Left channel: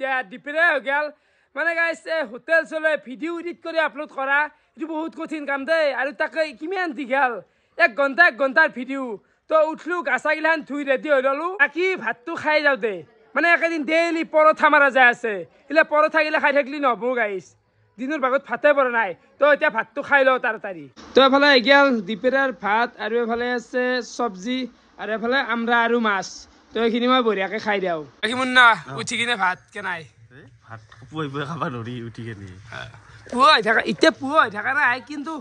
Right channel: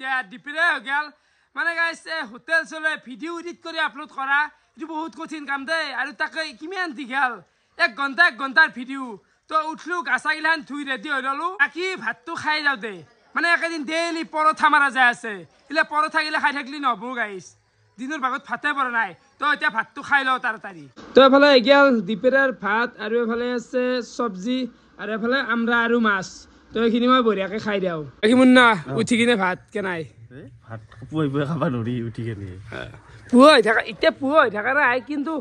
এতিয়া ডিপেৰে হৈ গেল মানে গাইছ হোটেল চলে ভিডিঅ' এডিট কৰি আপলোড কৰা এইটো বহুত কঠিন কাম দেই আৰু তাকে কিমান দীঘল 1 ঘণ্টাৰ ভিডিঅ' তো উঠলো গাছাগিলাখান ধুই ৰেডি হৈ ললো বাকী ভাতটো খাই যাওঁ দে মানে একেদিন ডেইলি পৰঠা মাৰা যায় আছে এইলে পৰঠা গিলা খাই থাকলি নহব গাইছ দিনৰ ভাগত ভাতে পৰা নাই তো এতিয়া ভাতটো খাই লওঁ তাড়াতাড়ি তো এফালে গেল ডিপেৰাৰ ভাত আৰু এফালে আছে চব্জি আৰু এফালে আমৰা আৰু মাছ তো এইখিনি মই বঢ়িয়াকে খাই দিওঁ বাকী মুন্না উঠি কিনে ভাত কেনাই ভাত পুৱাই খাবা নৰি উঠি কেনে পুৱা হৈ থাকা এতিয়া পুৱা হৈ থাকা নাই কিন্তু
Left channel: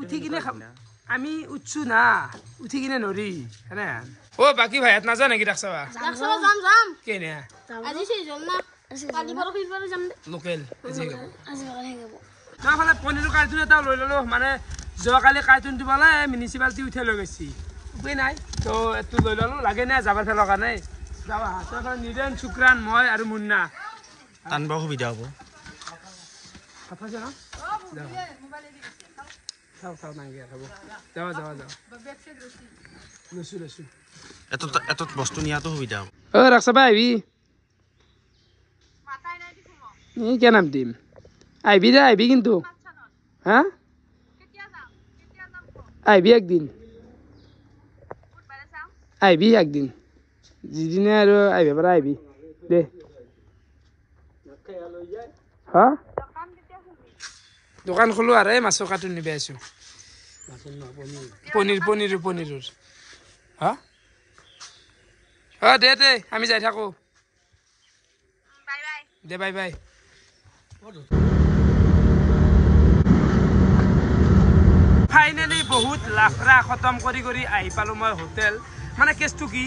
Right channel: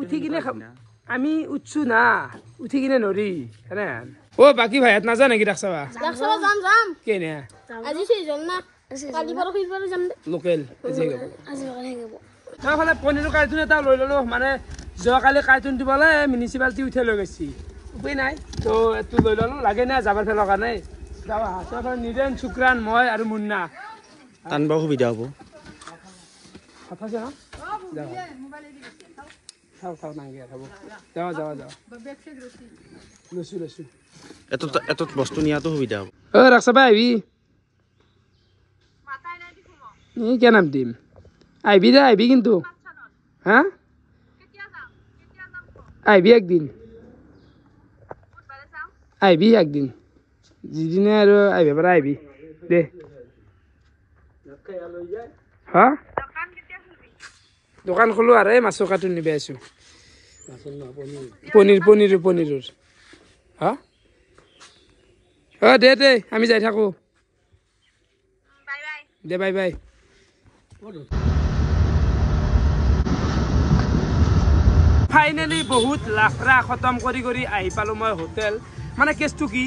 উঠি কিনে আমি উঠছো না উঠি কিনে নৰি হেনেন ও বাকি ভাইত নাজা নেকি ডাকছাবা যাম কেনে আজি সিজন না কালি পৰহি যাম লোকেল আজি গাব আজি গাব তাফালে পনিৰৰ কাৰ্টুন এটা লৈ ললো মানে যোৱাকালি কাৰ্টুন দিবলে মিউনিচিপালিটি উঠে লৈ গৈছি উপায় নাই তো এটো লৈ ললো লাগে না যাবৰ ফেলৰ কাৰণে যাবা তো নিৰেন শুক্ৰান মই আৰু মুন্না টানবা সুবিধা হ'ব কথা জানা খাও নাই খাব যাও লসু এত বস্তু নিয়াটো সুবিধা হ'ব ও ৰাখছবা আইবি নি কে নাম দিম আইবি কিন্তু হ্যাঁ আইবি একদিন যিদিনে আৰু আইবি পৰা আইবি দে হ্যাঁ দোকান খোলো আৰু এই মাছৰ কাৰ্টুন নিবে আছো পনীৰৰ হা দে আমি যাই থাকো দে বাই ফাইনেলি বহুত লাফৰা খতম কৰি আহি পালো মই হোটেল মানে কেছটো কি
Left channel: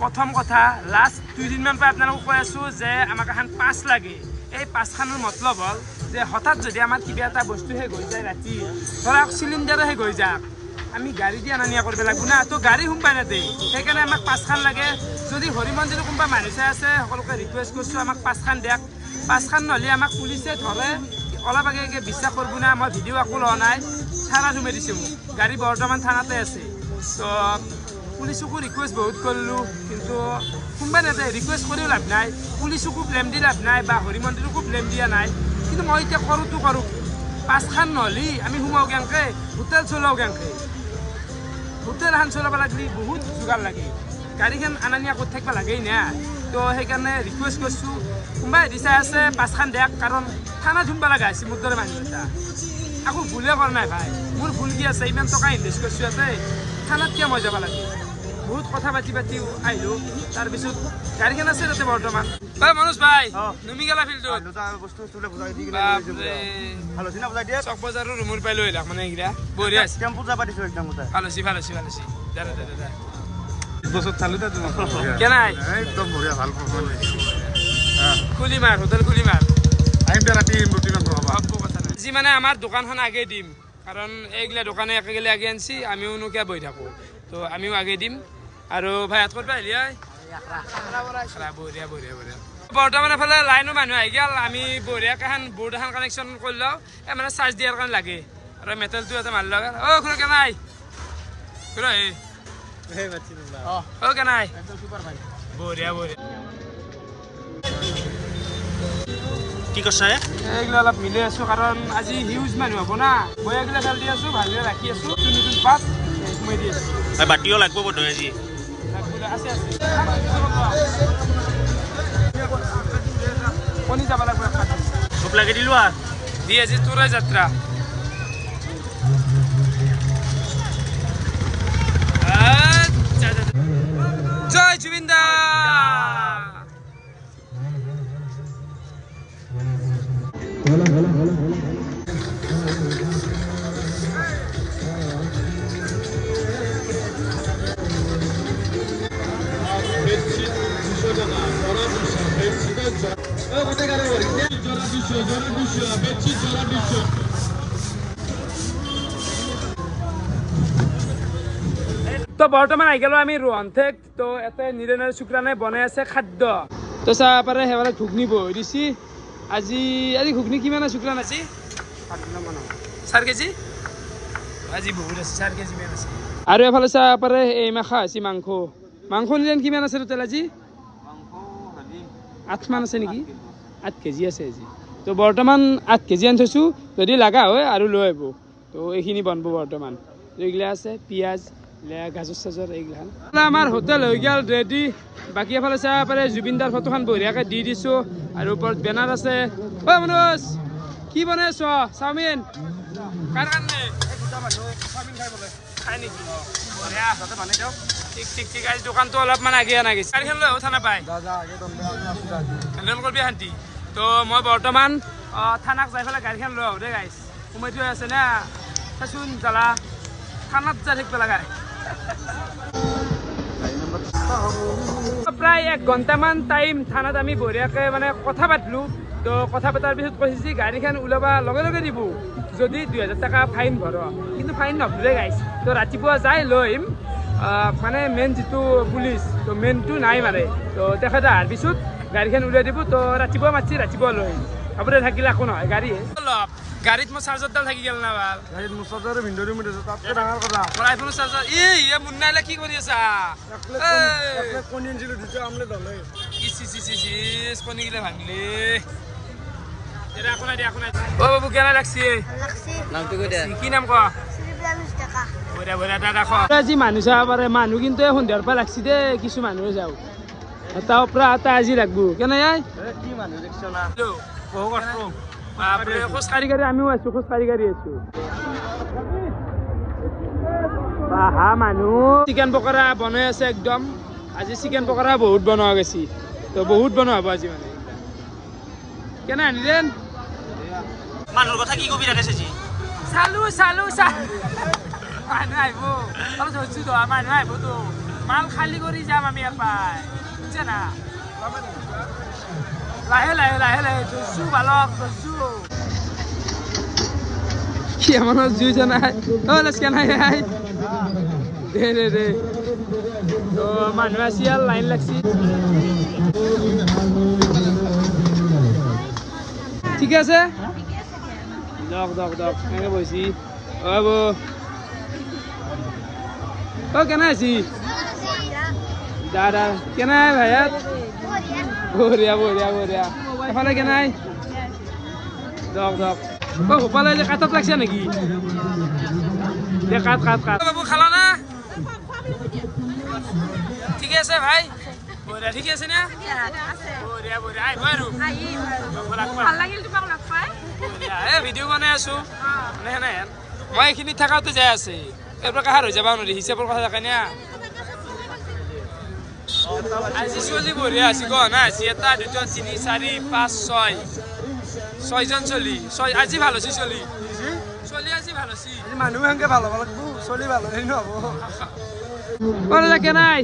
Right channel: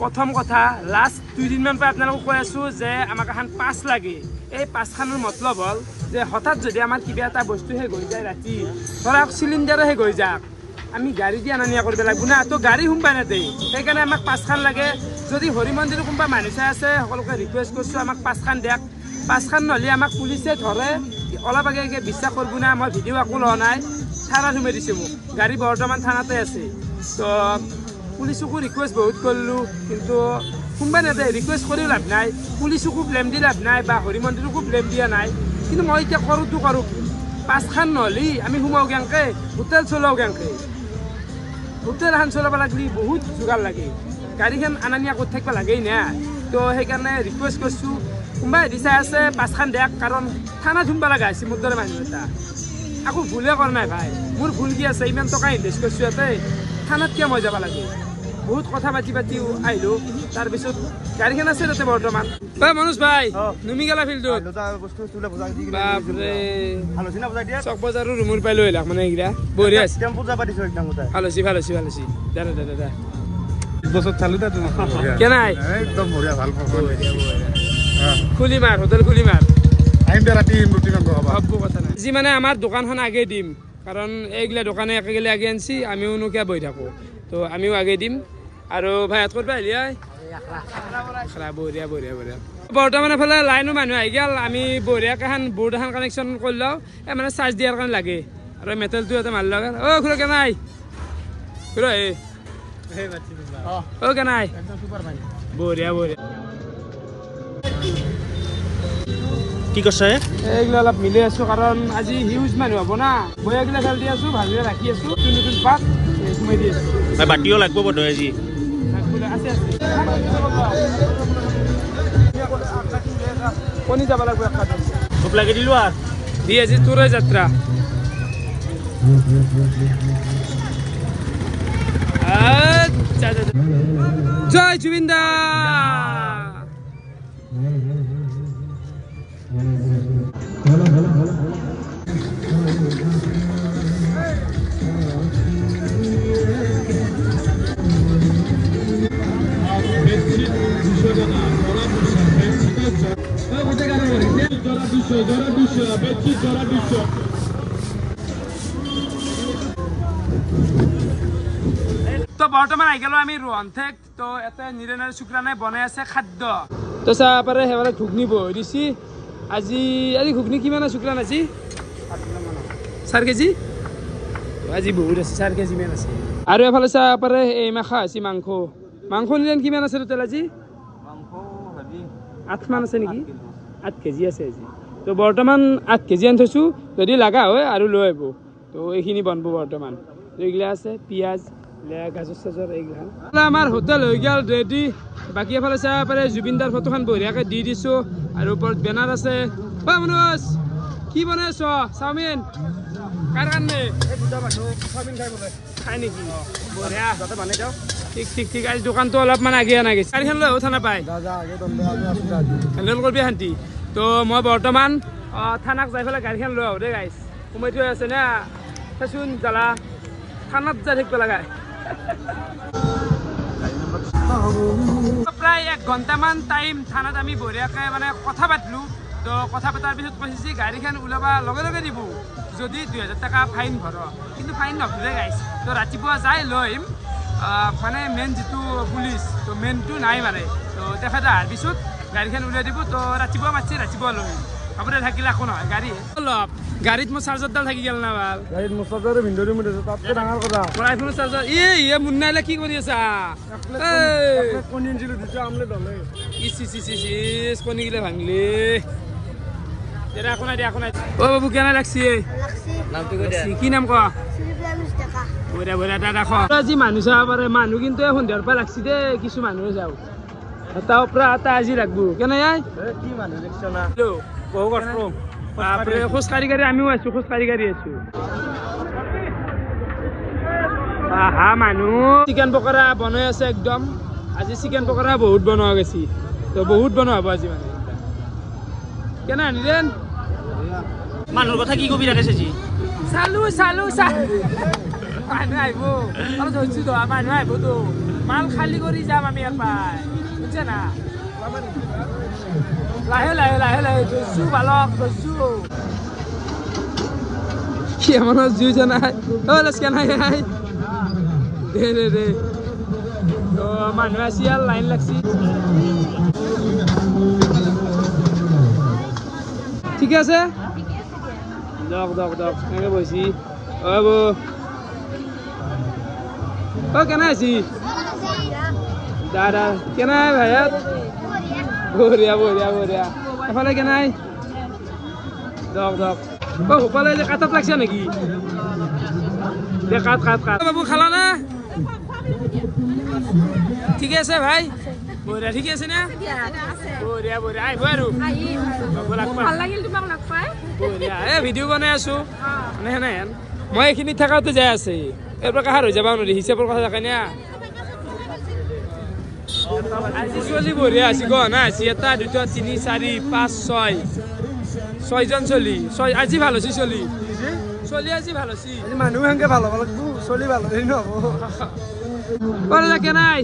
প্ৰথম কথা লাষ্ট 2 দিনমান পৰা আপোনালোকক কৈ আছো যে আমাক এখন পাছ লাগে এই পাছখনৰ মতলব হল যে হঠাৎ যদি আমাৰ কিবা এটা বস্তু হে গৈ যায় ৰাতি ধৰক চিলিণ্ডাৰ হে গৈ যাক আমি গাড়ী দি আনা নিয়া কৰিব লাগিব না তো গাড়ী সোমবাই নাতে সেইকাৰণে আমাক পাছখান লাগে যদি হৰি মন্দিৰৰ কোনোবা মানুহ চাই আছে সকলোকে ৰিকুৱেষ্ট কৰিছো আমাক পাছখান দিয়ক পাছখান নহ'লে আমাক পুলিচে ধৰে অলপ আগে বিশ্বাস কৰিব না মই ভিডিঅ' একো লোৱা নাই থানাত সোমাই দিছে মোক গাড়ী বৰ্তমান থানাতে আছে তো পুলিচকো ৰিকুৱেষ্ট বহুত কৰিলোঁ কিন্তু সোমবাই নাতে ৰিকুৱেষ্ট কৰিও লাভ নাই পুলিচকো ব্লেম দি লাভ নাই বা হৰি মন্দিৰকো ব্লেম দিয়া নাই কিন্তু মই এতিয়া কৰোঁতো কৰোঁ কি পাছখান নহ'লে আমি সোমাওঁ কেনেকৈ হোটেল চলাওঁ কেনেকৈ হোটেল এখন চলাব লাগিলে বহুত যোগাৰ লাগে গাড়ীখন আনা নিয়া কৰি থাকিব লাগেই না তো সেইকাৰণে ৰিকুৱেষ্ট কৰিছোঁ কোনোবাই দিচাই আছে পাছখান দিয়ক কাৰণ থানাত সোমাব লগা হৈছে মোৰ দৰে মানুহ এটা আকৌ ভুলে কৰা নাই ভাই মোৰ ভুল কি আছে ইমান টকা ইনভেষ্ট কৰিছোঁ ইয়াতে থানাত কিয় মই যাব লাগে বহুত কথা পাতি আহিলোঁ তাৰপিছত গাড়ীখন আছে তাতে বৰ্তমান মনোজ ভাই নুমি গেলা ফিল্ডত বাপৰে চক বজাৰৰ ৰুমৰ পাই লৈ আহিলাক মানে এইকেইটা বঢ়িয়া ভাল হৈছে দাদা বছৰ চালো কেনাই একদম বঢ়িয়া ভাল খুলি মাৰ হোটেল খুলি মাৰ আহিম দে ৰাতি ৰুটি মাংস খাবা ভাবো কথা নাই আজি মানে আমাৰ দোকানখন আগে দিম কাৰণ এইগিলা দোকানে একে গেলে আগে আনছি আমিও কিয় বহি থাকো তো আমিও আগে দিম আৰু ভাই হাত কৰিব আহিলি বঢ়িয়া বৰ্তমান এফালে লাইনো মানুহ আহি গেল আমি বঢ়িয়াকে এখন বোৰ্ড এখন কানেকশ্যন কৰি লওঁ মানে চাৰ্জ দিয়াৰ কাৰণে লাগে আৰু মেটেলটো এটা মাৰি লওঁ খুৰা কেনাই খুৰা কেনাই বঢ়িয়া কি কৈছে এইগিলা অলপ মিলাই আছো কাৰণ আজি হিউজ মানুহ হ'ব না মই এইগিলা চাল দি আছো ভালদৰে ৰাখি আছো নতুন পাত সোমাই দি আছো বাতিও লাগব বধ আজি কণী যাব লাগিব খুব লাগি দিলো আৰু দি আজি তোৰে যাত্ৰা জয় জুবিন্দা তো বৰ্তমান আহি গেলো আমি ৰোহনথেক তো এতে নিৰেনৰ শুক্ৰানে বনাই আছে খাদ্য তো চাহ পাৰে সেইফালে ঘুগনি বহি দিছি আজি ঘুগনি কিমান আছে শুক্ৰান আজি 4 কেজি আজি বহুত আছে 4 কেজি মান আছে আৰু এফালে চাহ পাৰে এই মাখা আছে মাংস নিৰেন কিমান আছে টোটেল আজি 8 মান আছে নেকি 8 কেজি আছে আজি তো বৰ্তমান 8 কেজি আনি থৈছোঁ যদি লগা হয় আৰু লৈ আহিব তো এইখিনি বনব বৰ্তমান তো এইগিলা আছে পিঁয়াজ গাজৰ চাজৰ এইগিলা আমাৰ হোটেল হৈ গ'ল ৰেডি বাকী এফালে চাব পাৰে জুবিনদাৰ ফটোখন বঢ়িয়াকৈ দি দিছোঁ আৰু ওপৰত বেনাৰ আছে অ মনোজ কি বনাইছ চাওমিন কাৰ কাৰণে খাই নেকি বঢ়িয়া ঠিক ঠিক ঠিক আজি দোকানটো অলপমান আগে আনা গৈছে গাড়ীখন লৈ থানা পায় হেণ্ডেল কৰিবি শান্তি তো মই বৰ্তমান থানাক যাই পেলাই গাড়ীখন লৈ আহোঁ দেই গাইছ সোমাই থৈ আছে না চাচোন জ্বালা থানাত যাই থাকিব লগাই প্ৰায় 1 ঘণ্টামান টাইম থানাত আমি বঢ়িয়াকৈ মানে কথা পাতিলোঁ তো কথা পতাৰ পিছত কৈছে যে গাড়ীখন ওলাবা লগে লগে দিব যদি 2000 টকা ফাইন ভৰ কিন্তু ফাইন নভৰে গাইছ তো ৰাতিপুৱা যাই লৈ আহিম মানে মেইন যিটো পুলিচ তো মেইনটো নাই মানে তো তেখেতে অহাৰ পিছত গাড়ীখন উলিয়াই দিব তো ৰাতিপুৱা মাতি ৰাতিপুৱা লৈ আহিম আপুনি থাকিলে একো নহয় গাড়ী অলপ গাড়ীত মোৰ চাৰ্জাৰডাল থাকি গ'ল না ভাল গাড়ীত মোৰ চাৰ্জাৰ ভিন্দৰি মোৰ আছে তাতকৈ ডাঙৰ কথা মোৰ আইফোনৰ চাৰ্জাৰ এই মুন্নাইলে কি কৰি আছা কণী গিলে ভাঙলি অ বাবু কেনে লাগছে কি নাম কোৱা আজি মানুহ চাব পাৰে মানুহ কিন্তু সন্ধিয়াৰ পৰা লাগছি দেই কিছু মানুহে যাওঁ তাৰ পৰা এটা আজি লাগবো কেনে খোজ কাঢ়ি কাঢ়ি আমিও আছো খোজ কাঢ়ি কাঢ়ি আছো হা মানুহ চিকেন পকৰা বনাই আছে একদম আজি চিকেন পকৰা বহুত বনোৱা গৈছে তো বহুত বনোৱা হ'ব আজি মানে কেনে আনিলেন মানুহৰ কথা কি কবি ৰাখে চেজি চালো মানুহ আহিব অলপ ধৰিছো তো মানুহ আহিব তো মাল খালী কৰি যাম আমি এপাই বুজিছে না লাহে লাহে লাহে লাহে ধৰিছো বালক ধৰিছো কি আমাৰ জুইছে নাই নাই দে তো মানুহ আছে আৰু লাইন লাগছি ঠিক আছে দক এনেকে বহিছি কেনে আছি দাদা কেনে ভাইয়াত বঢ়িয়া এফালে কেনে দক সোপালে কাটাত লাগছে নেকি দে কাট বাবু খালা না ঠিক আছে ভাই বঢ়িয়া ঠিক আছে না বঢ়িয়া আহিব আৰু ভিডিঅ' বনাই আছো মানে মই এইখিনি থাকাটো যাই আছে এইবিলাক কাহাৰ হৈ যাবা নোৱাৰি হিচাপৰ কথা থাকে না আজি ছোৱালী বঢ়িয়া আছে গহনা আছে 1 2 3 4 5 6 জন চলি আজি ভাল হৈছে চলি আজি ভাল হৈছে মানুহ সেনেকে ভাল হ'ব লাগিব চলি ভাল হ'লে নহ'ব কেনাই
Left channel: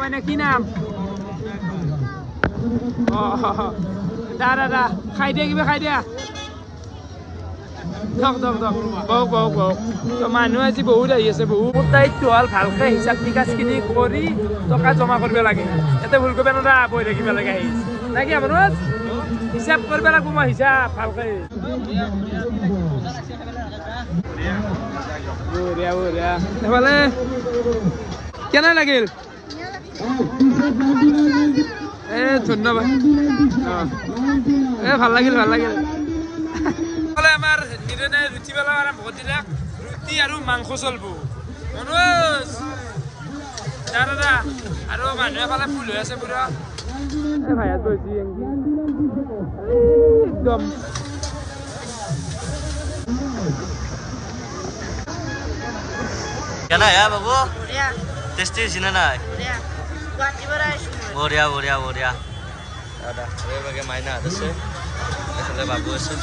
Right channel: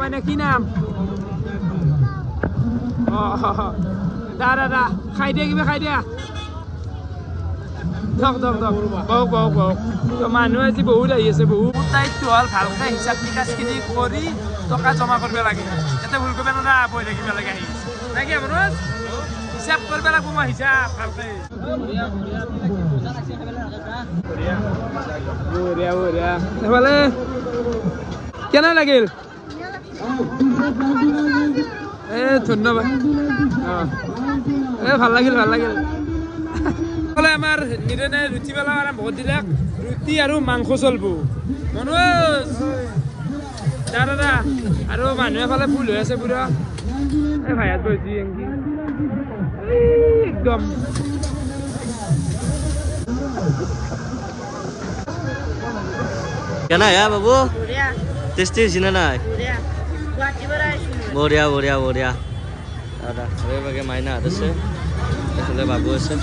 মানে কি নাম দাদা খাই দিয়া কিবা খাই দিয়া দক মানুহ আজি বহুত আহি আছে বহুত দায়িত্ব হ'ল ভালকে হিচাপ নিকাচখিনি কৰি টকা জমা কৰিব লাগে ইয়াতে ভুল কৰিব নদা বহি থাকিব লাগে আহি নাকি আমাৰ হিচাপ কৰিব লাগিব মই হিচাপ ভালকে বঢ়িয়া নহ'লে কেনে লাগিল ধন্যবাদ ভাল লাগিল আমাৰ নিৰনে ৰুটি পেলা আৰম্ভ দিলাক ৰুটি আৰু মাংস চলব মনোজ দাদা আৰু মানুহ এফালে ফুল হৈ আছে পুৰা ভাইয়াত বহি একদম কেনা বাবু টেষ্টি হৈছে নে নাই বঢ়িয়া দাদা বাগে মাইনা হাত আছে এফালে বাবু আছে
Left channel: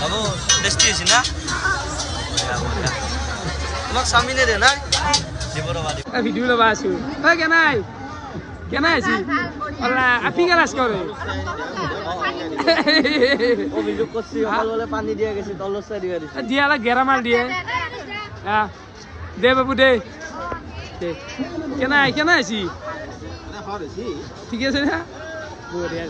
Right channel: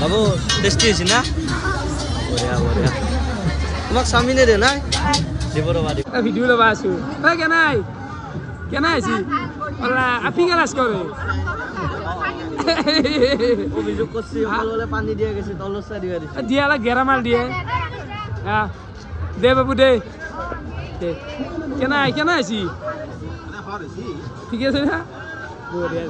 বাবু টেষ্টি হৈছে না বঢ়িয়া তোমাক চাওমিনে দে নাই দিব ৰবা ভিডিঅ' ল'বা আছো কেনাই আছি আপি গালাজ কৰে অভিযোগ করছি বলে পানি দিয়ে গেছে তলসা দিয়া দিছে দিয়ালা গেরামাল দিয়ে হ্যাঁ দে বাবু দে দে কেনা আছি ঠিক আছে না বঢ়িয়া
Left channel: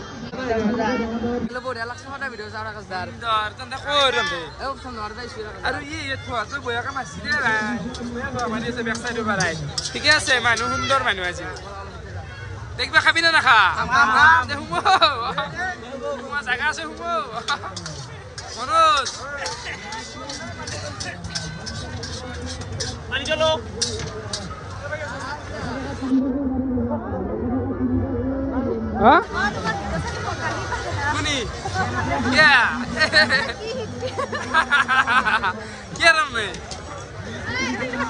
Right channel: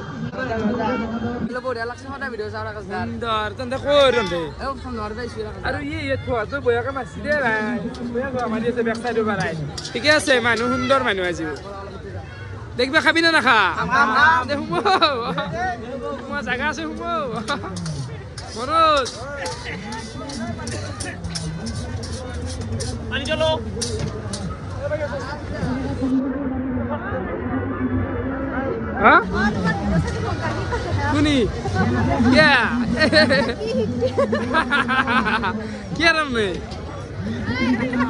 বঢ়িয়া লাগছে সদা ভিডিও চাওয়ার কাছে সুন্দর তন্দে কই রন্দে এও সুন্দর দাইছি আৰু এই থোৱা তো বয়াকে মাছি দে ভাই বয়া থোৱা মাৰি আছে বেক সাইডৰ পৰা ঠিক আছে মানুহ সুন্দৰ মানুহ আজিও দেখবা খাবি না নাখা সোমোৱা জাগা আছে সোমো মনোজ कुनी क्या क्या रम में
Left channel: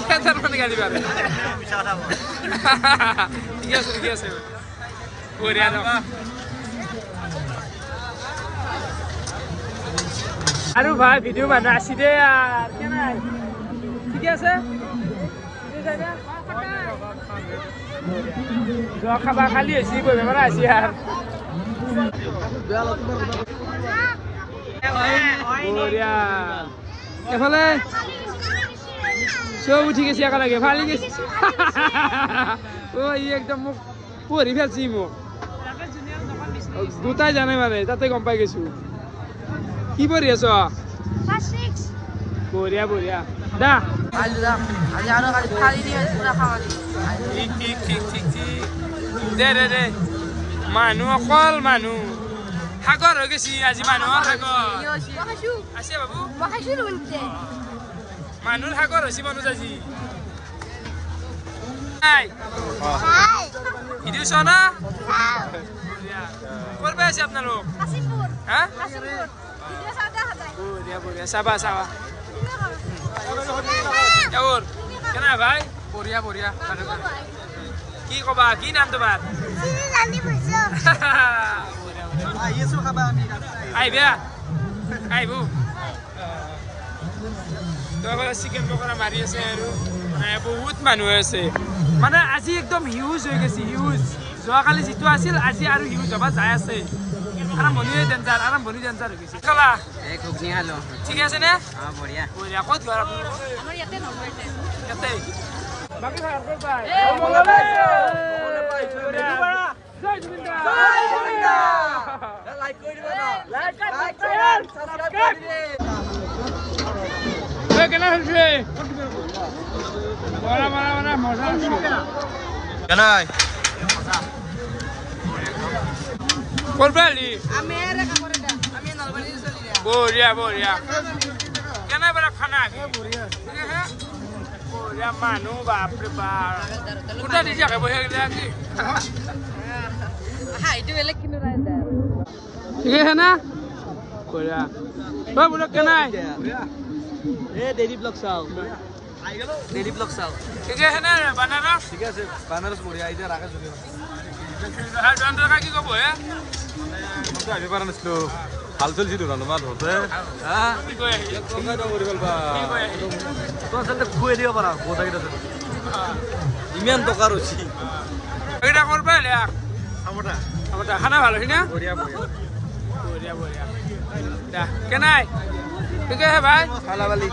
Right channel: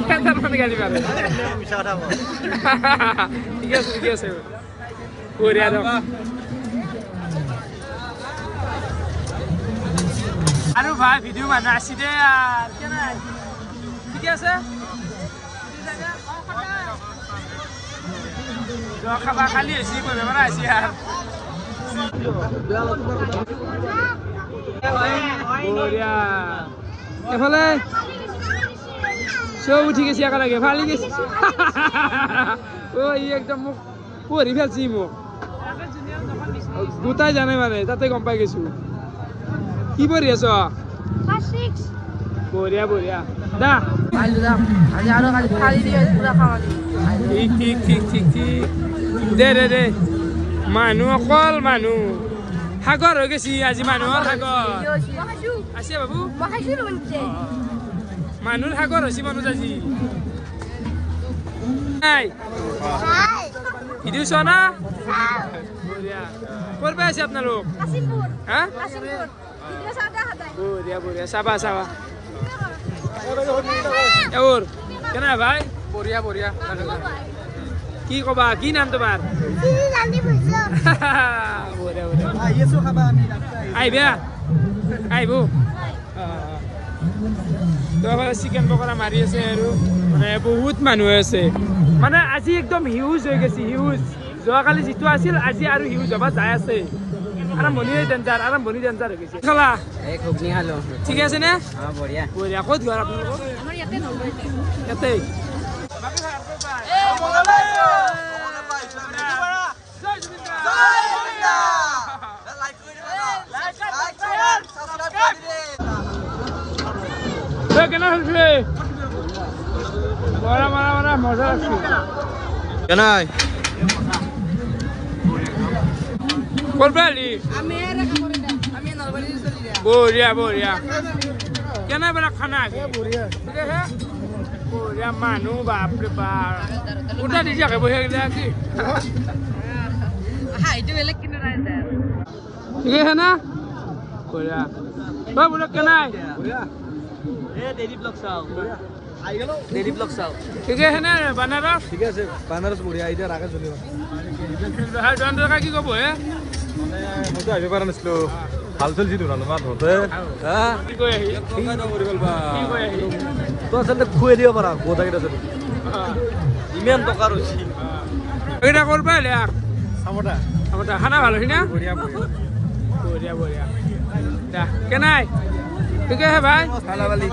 क्या तरफ निकाली बारे ठीक है सर पूरी आदम अरे भाई वीडियो बना सीधे यार क्या ना ठीक है सर जो खाबा खाली है सी कोई मेरा ऐसी यार बढ़िया এফালে সব উঠি গেছি একা লাগে ফালি গেছি ও ই একদম মুখ পরি ফেলছি মুখ দুটাই জানে মানে তাতে গম পাই গেছো কি পরি আছ বঢ়িয়া বঢ়িয়া দা আজি আৰু খালি ফালি দিয়ে পুৰা খাওয়া ঠিক ঠিক ঠিক ঠিক দে দে দে মানুহ অকল মানুহ সাগৰ হৈ গেছি আজি মানুহৰ সাগৰ আছে বাবু মানুহৰ সাগৰ হৈছে মানুহ আজি নাই ভিডিঅ' চোৱা না ক'ৰ পৰা আছে আপোনালোক হা বঢ়িয়া বঢ়িয়া চাবা চাবা এওৰ কেনে ভাই বঢ়িয়া বঢ়িয়া কি কবা কি নাম তোমাৰ আহিবা আহিব চিকেন পকৰা মাৰি আছে আৰু মানে বহুত মানুহ আছে মানে আজি একদম হিউজ হৈ গৈছে হিউজ যোৱাকালি যিটো আছিল আজি আৰু হিউজ হবা যাই আছে আৰম্ভণি ডেঞ্জাৰ হৈ গৈছে খালা ঠিকে আছে নে বঢ়িয়া ক'ত ঘৰ আপোনালোকৰ ইয়াতে বাকী ভাই জয় জুবিন্দা লাইক কৰি দিবা লাইক সাবস্ক্রাইব এ কেনে হৈছে বড় বড় মজা আছে কেনাই কোরবালি আমি নরমালি চলি গয়া বঢ়িয়া বঢ়িয়া কেনে বড় খানা বঢ়িয়া বঢ়িয়া মানুহ বাপৰে বাপ উঠা দি যাকে বহে গেলে কি এইটো বেলেগ কিনো নাই ঠিক আছে না বঢ়িয়া ও বলে কেনাই বঢ়িয়া এ ডেইলি ব্লগ চাও বঢ়িয়া আই গেল ডেইলি ব্লগ চাও ঠিক আছে না বানারস ঠিক আছে বানারস বঢ়িয়া আইডিয়া রাখে চলিব হাই বানারস কি কব হে মানে মজা আহিব পাৰা নাছিলো ভাল চলছি তো ভাল মাত হতে হা কি কয় আহি তো আচলতে খুৱাই দিব পাৰা গোটাকেইটা চলি ইমান টকা ৰছি এটা করবে আর চামটা আমারটা খানা ভালো না বঢ়িয়া বঢ়িয়া বঢ়িয়া দা কেনাই ঠিক আছে ভাই খালা বালি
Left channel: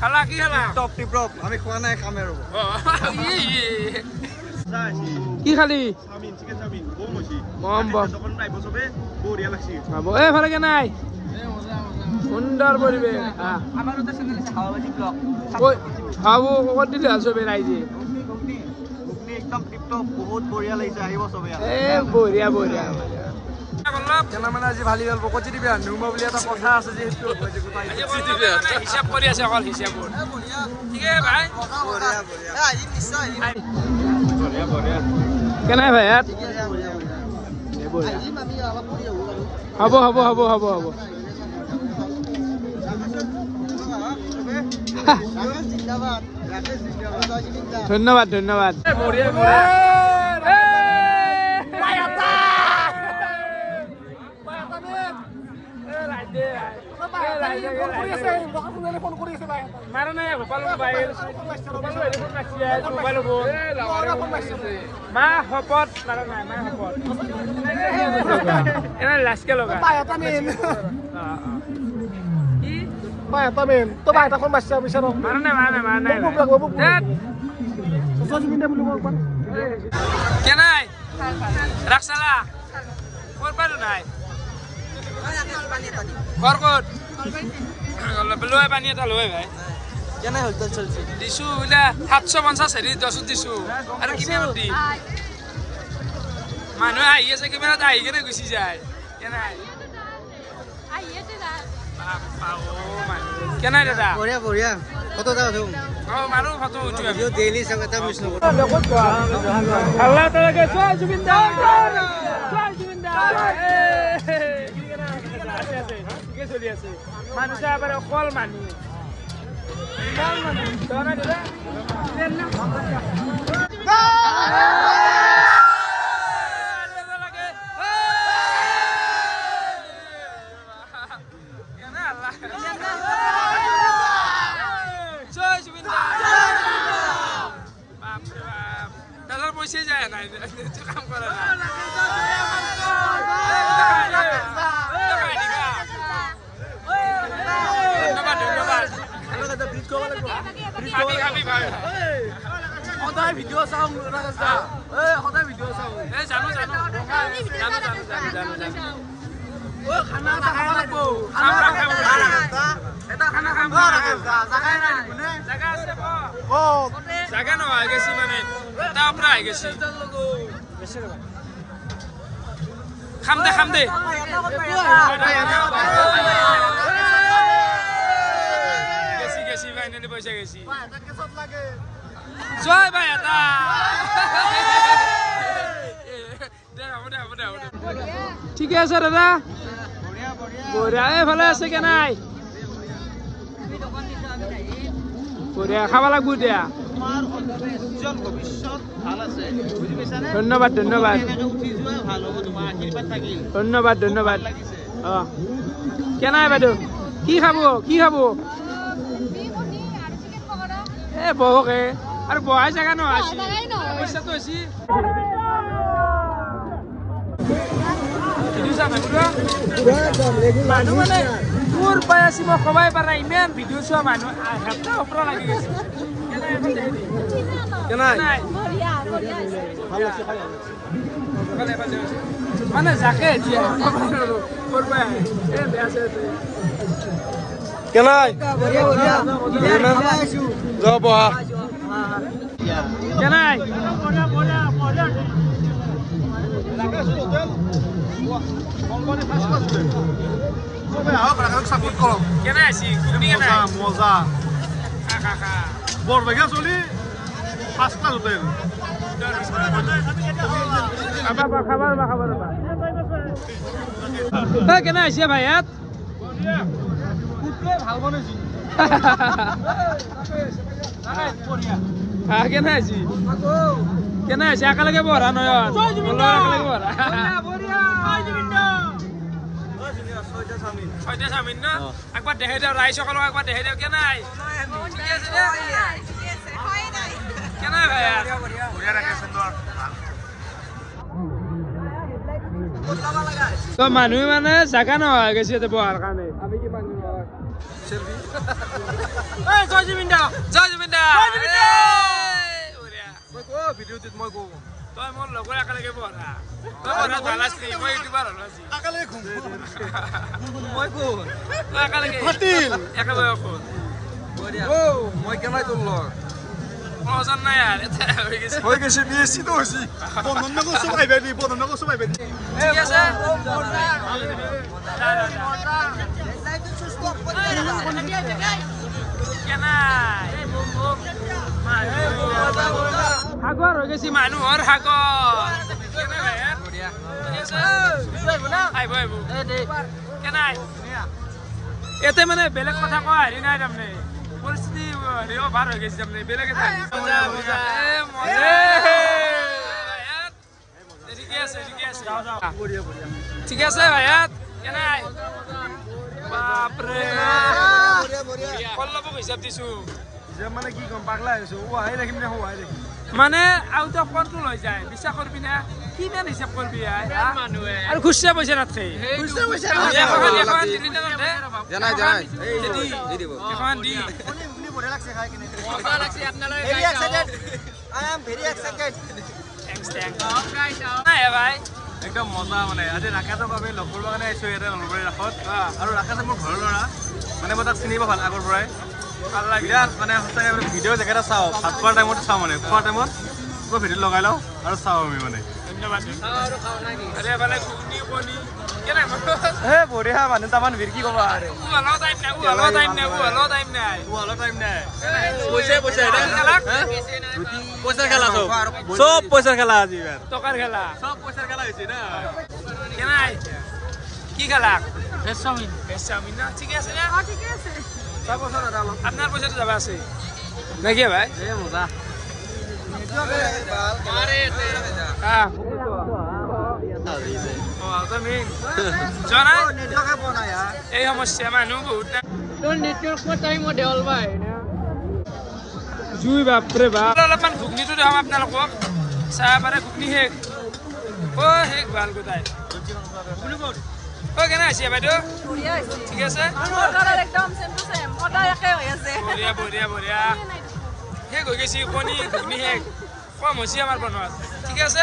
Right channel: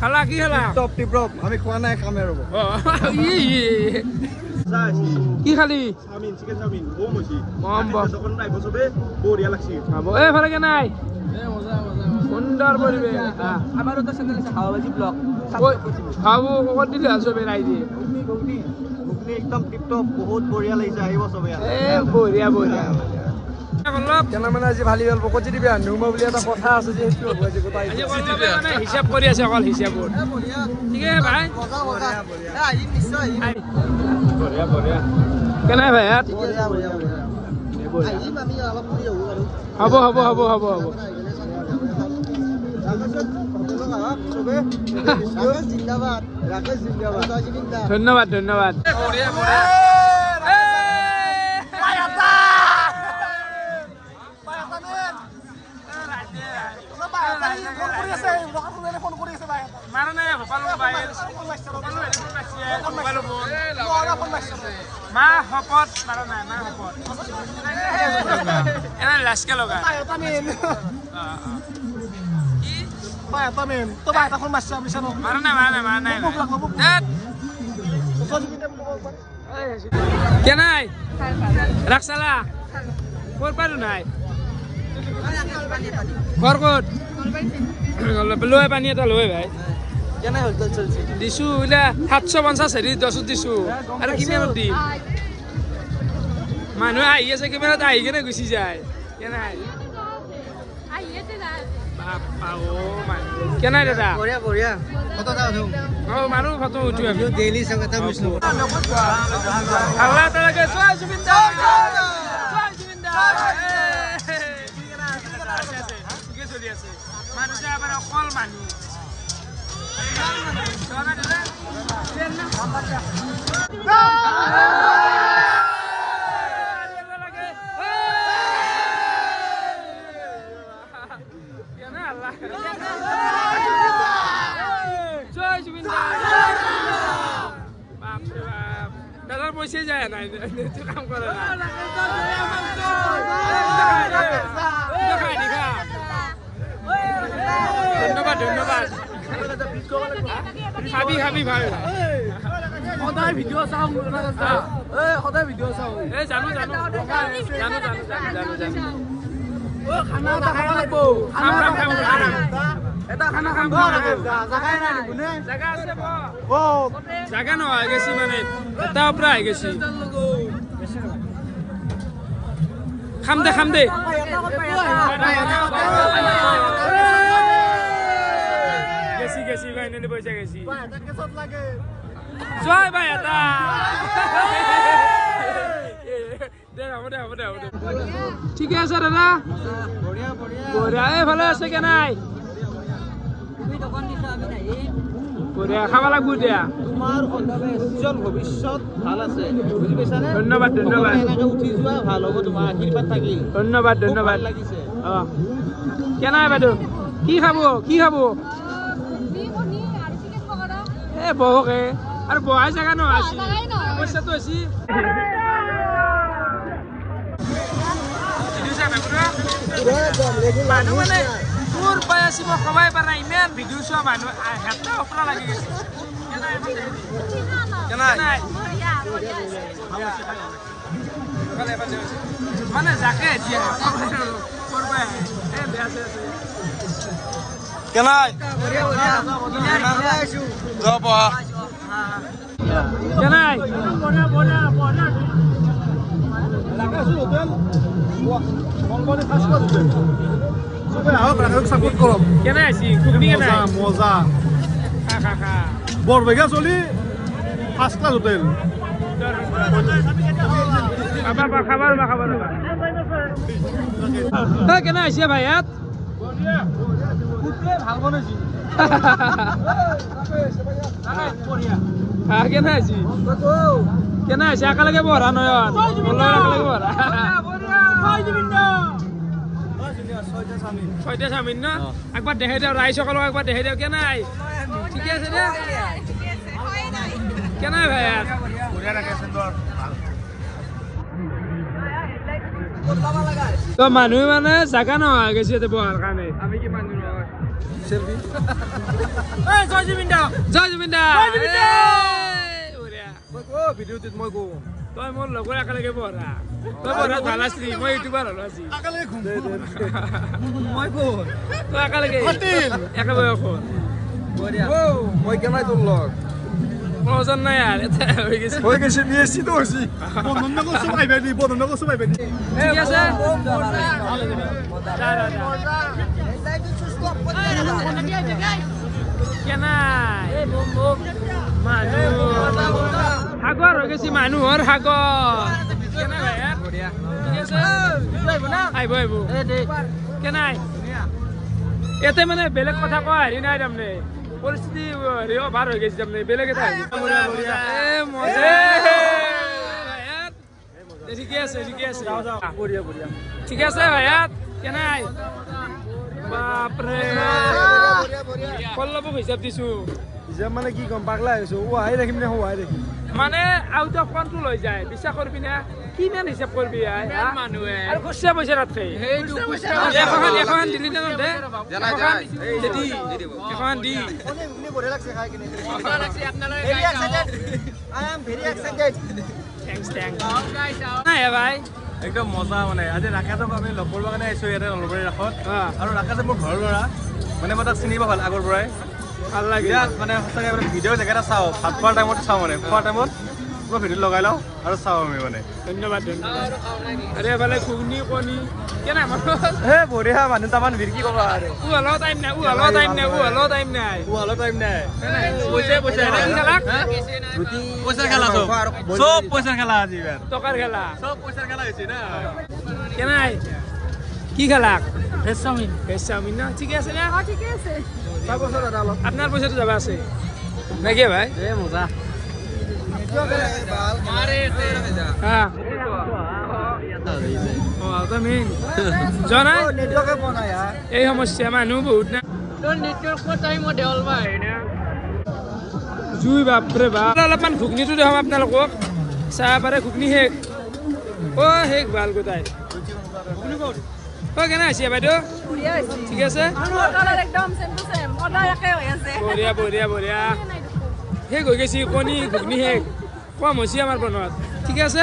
খালা কি খালা টপ টিপ আমি খোৱা নাই খামে ৰব কি খালি চাওমিন চিকেন চাওমিন বম হৈছে বম বম দোকান পাইব সবে বঢ়িয়া লাগছি খাব এফালে কেনাই সুন্দর পরিবেশ আমারও তো চ্যানেল আছে হাওয়াবাজি ব্লগ খাবো কত দিলে সবে রাইজে একদম টিপটপ বহুত বঢ়িয়া লাগিছে আহিব সবে এ বঢ়িয়া বঢ়িয়া কেনা মানে আজি ভালি গল পকজি দিবি নুমা বুলি এটা কথা আছে যে সেইটো হ'ব যে গোটাই মানে হিসাব কৰি আছে অকল হিসাবত ঠিক আছে ভাই বঢ়িয়া বঢ়িয়া কেনাই ভাই ইয়াত হ'ব হ'ব হ'ব হ'ব হ'ব ধন্যবাদ ধন্যবাদ মারা নাই গোপাল মোবাইল মা হপত মারা নাই মা হপত এনে লাচকে লগা কি এটা মেম তো ভাই এখন মাছটা বিচাৰ মারা নাই কে নাই রাখসালা কোর পারু নাই ঘর কত লয় পানী এটা লয় ভাই কেনে হলচল চলছে দিছো ওলা 750 হেৰি 10 দিছো আৰু কিমান দি মানুহ আহি আছে কেমেৰাত আহি কেনে গুচি যায় কেনাই বাপ্পা অ মানুহ কেনাই দাদা বঢ়িয়া বঢ়িয়া ফটো এটা উঠো অ মানুহ ফটো উঠি ভিডিও ডেইলি সঙ্গতে মিছ নকৰো ভাল লাগে চোৱা জুবিনদা চোৱা জুবিনদা আছে আছে ঠিকে চলি আছে মানুহ চাই আবাৰ অকল মানুহ চোৱা নাই দাদা দাদার পয়সা যায় না কাম করে না ধন্যবাদ ধন্যবাদ খাবি খাবি ভাই সদায় ভিডিঅ' চাওঁ সদায় ভিডিঅ' চাওঁ জানো জানো জানো জানো জানো জানো জানো খানা খাব লাগিব খাম খাম খাম এটা খানা খাম জাগাই নাই নুনে জাগা আছে ক'ত জাগা নহয় গেছি মানে এটা পৰা আহি গেছি খাম দে গেছি গেছি ফাইনেলি পইচা গেছি জয় ভাই এটা ঠিকে আছে দাদা বঢ়িয়া ভালে আছে কে নাই বঢ়িয়া খাব লাগব দিয়া তোমাৰ উজ্জ্বল ভৱিষ্যত ভাল আছে বুজি পাইছানে ধন্যবাদ ধন্যবাদ এনেকৈ উঠি যোৱা ভাল হ'ব তোমাৰ আশীৰ্বাদ থাকিল ধন্যবাদ ধন্যবাদ লাগিছে অ কে নাই বাইদেউ কি খাব এ বহকে আৰু বহাই জাগা নহয় আজি সমস্যাটো আছে মানুহ মানে তোৰ পাই আছি মই কবাই পাৰা ইমান ভিডিঅ' চোৱা মানুহ হেঁচা ওপৰা লাগি গৈছে মানে যাকে এতিয়া কেনাই যাওঁ বহা কেনাই সাপোৰ্ট কৰো কেনাই আছি ঘুগনি কেনাই মজা খা খা খা বৰবেগা চলি ফার্স্ট ক্লাস হোটেল খাবার কেনাই আছে ভাই ইয়াত ভাল বনাইছি কেনাই আছি কেনাই আছে একেলগে বহৰা নয়ন মোৰ লগত একেলগে বহৰা ছয়টা চাওমিন ন একবাৰ দেখাই দিওঁ ৰাইজ সকলক একবাৰ দেখাই দিওঁ কেনাই ঠিকে আছে দে কেনাই ভাই ইয়াত বঢ়িয়া ৰাখে সুন্দৰ তো মানুহ মানে জাগা নহয় গৈছে বহাৰ কাৰণে আমি কি মানুহ নহয় সেলফি জয় জুবিনদা ভিডিঅ'টোত মই কওঁ তই মোৰ লগৰ একেলগে বহৰা তই বহৰা ভাল আছিলি মই ইউটিউবাৰ হলো আজি মই কওঁ তই একেলগে একে বয়সত মই কেনাই তোৰ লগ ওজন নাই আৰু এটা হৈ গৈছে বিএসসিটো হৈছে ঠিক আছে কেনাই মানুহ সাগৰ হৈ গৈছে মানুহৰ সাগৰ ঠিক আছে আহিব কেনাই ইয়াতে মানে বেলেগ কথা কোৱা হেৰি নাই তাৰমানে পৰিস্থিতি হেৰি অভাৰ হৈ গৈছে তাৰমানে বেলেগ এটা হৈ গৈছে ঠিকে আছে ঠিক আছে ভাইয়াত কেনাই বাপৰে কল্লাবক হিচাপ দিছো মানে কি কম পাগলা হৈছো ওহাই ৰাখিম নে হোৱাই ৰাখিম মানে আউট অফ কন্ট্ৰোল হৈ যায় বিশ্বাস কৰবি না কিমান হিচাপ কৰবি আৰু খুচৰা পইচা নাথাকে এখন দিলি না দে এখন দি নাই ভাই একদম মজা মানে আজি ৰাকেশক আমি লগ কৰিব কাৰণে আহিছো ইয়াতে নলবাৰী ৰাসত আৰু ৰাকেশে মোৰ ঘৰৰ ল'ৰা মানে মই তাক চিনিব ভাল আগৰ পৰাই ভাল লাগে বিৰাট মানে সঁচাকৈ ভিডিঅ' জেগা এটা চাওঁ ভাত খোৱাৰ টাইমত চাওঁ মানে খোৱাৰ টাইমত মই ভিডিঅ'ত লগাই লওঁ আৰু চাওঁ আমি মানে ধন্যবাদ ধন্যবাদ আৰে এফালে ঘুগনি কণী কেনে বঢ়িয়া মানুহ তামান ভিৰ কি ক'বা আৰু উহালো টাইম নাই উহালো টাইম নাই উহালো টাইম নাই পুৱালো টাইম নাই চব পইচাৰ খেলা আজি টকাৰ খেলা চব পইচাৰ খেলা হৈছে না কেনাই কি খেলা ভেজ চাওমিন ভেজ চাওমিন না ঠিকে আছে না ঠিকে আছে আপনার পয়সাটা যাবা আছে নাকি ভাই মজা হ্যাঁ এই সমস্যা মানুহ বহুত না জুই বাপৰে বাপ অলপমান ঘুগনিটো দেখাম আপোনালোকক চাহ পাৰে ঘুগনি শেষ অ শেষ ভাল গোটাই কেনে আছে বাইদেউ ঠিক আছে বঢ়িয়া বঢ়িয়া বঢ়িয়া শেষ হৈ গৈছে কণী ঘুগনি শেষ কম হৈছে আমাৰ বনোৱাত ঠিক আছে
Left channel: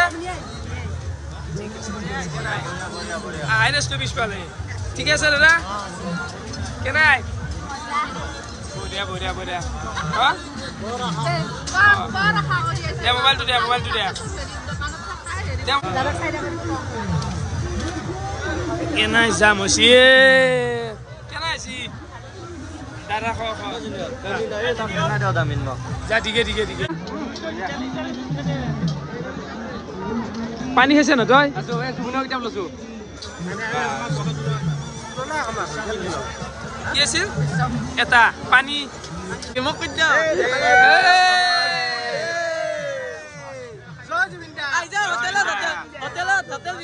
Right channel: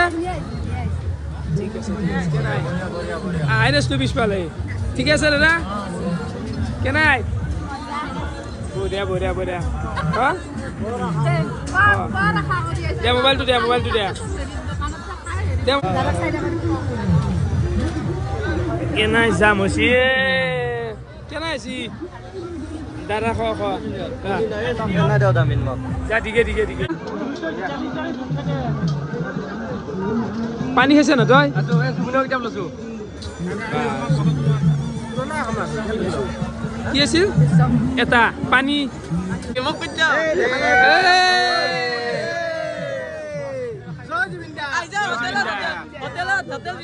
আইনেছটো পিছফালে ঠিক আছে দাদা কেনাই বঢ়িয়া বঢ়িয়া বঢ়িয়া দে মোবাইলটো দে মোবাইলটো দে কেনাই যাম হৈছে কেনাই আছি দাদা খোৱা যা ঠিকে ঠিকে ঠিকে পানী খাইছে ন তই কি আছিল এটা পানী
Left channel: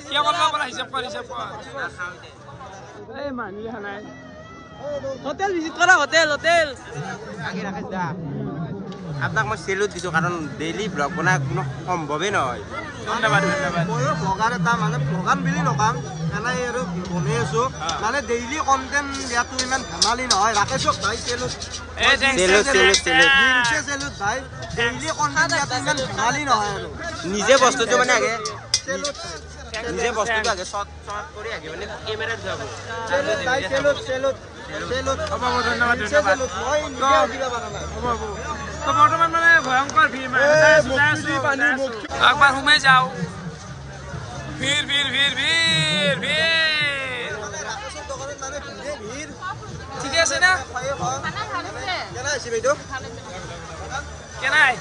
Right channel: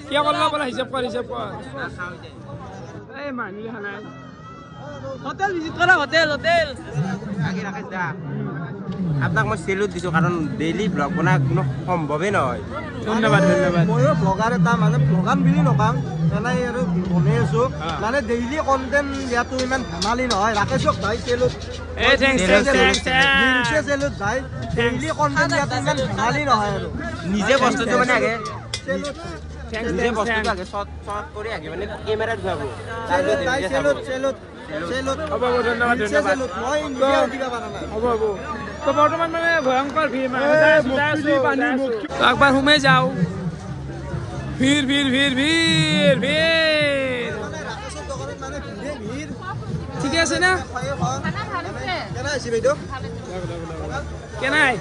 কিয় কৰিব পৰা হিচাপ কৰ হিচাপ কৰ এই মানুহ দেখা নাই আপোনাক মই চেলুট দিছো কাৰণ ডেইলি ব্লগ বনাই কোনো সম্ভৱেই নহয় ধন্যবাদ ধন্যবাদ ময়ো ব্লগাৰ এটা মানে ব্লগাম বুলি নকাম এনেই আৰু বনাই আছো মানে ডেইলি কণ্টেণ্ট দিয়াটো ইমান ধেমালি নহয় ৰাকেশক ভাই চেলুট চেলুট ভাই ডেইলি কণ্টেণ্ট দিয়াটো ইমান ধেমালি নহয় আৰু নিজে বস্তুটো মানে আগে চেলুট নিজে বস্তুটো আগে শ্বট কৰি আগে মানে কেমেৰাত যাব তাৰপিছত নিজে চাব হ'ব হ'ব ধন্যবাদ ধন্যবাদ তো হ'ব হ'ব তো বৰ্তমান মানে ভয়ংকৰ ভিৰ যাই আছো একবাৰ সোমাই যাওঁ ভিৰ ভিৰ ভিৰ ভিৰ ভিৰ ঠিকে আছে না কেনাই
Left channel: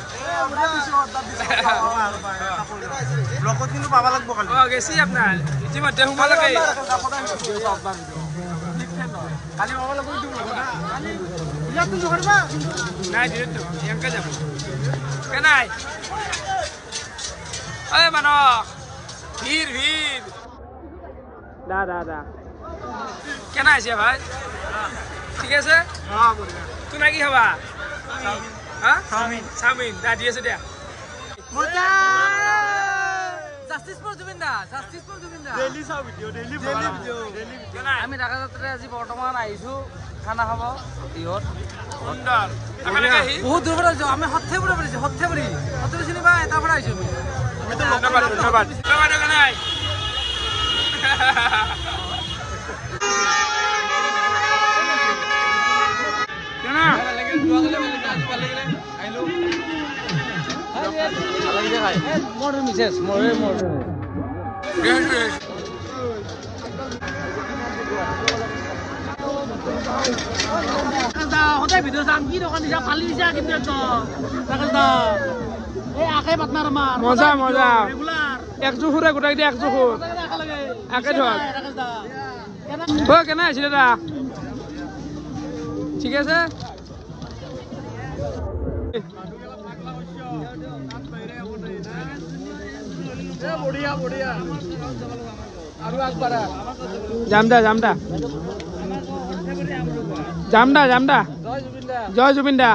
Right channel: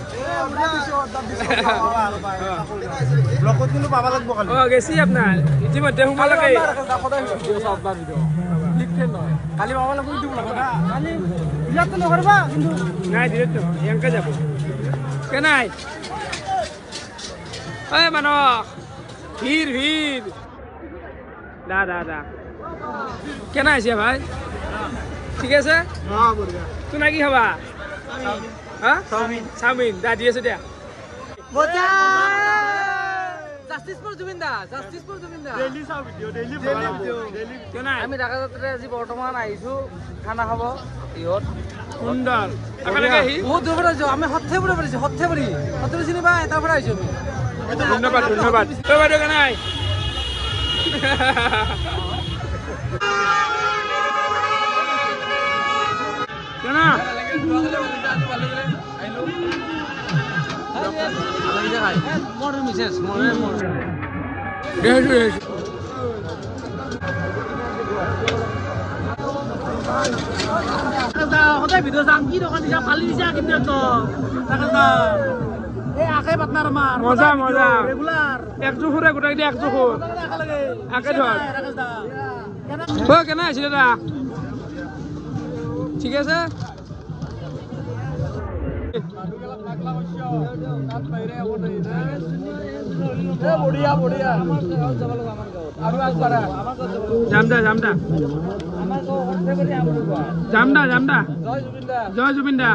ব্লগত কিন্তু পাব লাগিব খালি অ গেছি আপোনাৰ ইতিমধ্যে সোমালকে নাই দিৰেতো ইয়াংকে যাব কেনাই ঐ মানুহ ভিৰ ভিৰ দা দা দা কেনাই আছে ভাই ঠিক আছে তোৰ কি খাবা চাওমিন দা দি আছে দিয়া মজা justice for Zubeen da justice for Zubeen da আমি ঢাকা যাত্ৰাত আজি বৰ্তমান আহিছো খানা খাব ইহত সুন্দৰ বহুত দূৰ পৰা আহিছো আমি সৰ্থেবুৰি চিনি পাই তাৰ পৰা আহিছো আমি ধন্যবাদ ধন্যবাদ তই বাইদেউ কেনাই কেনা সদায় ভিডিঅ' চাম কি দোকান দিছা ফালি দিছা কিন্তু মজা মজা একযোৰ সুৰে গোটাই দিয়া একযোৰ সুৰ একে ধৰ কেনে আছে দাদা ঠিক আছে বঢ়িয়া বঢ়িয়া যাম দা যাম দা যাম দা যাম দা জয় জুবিন দা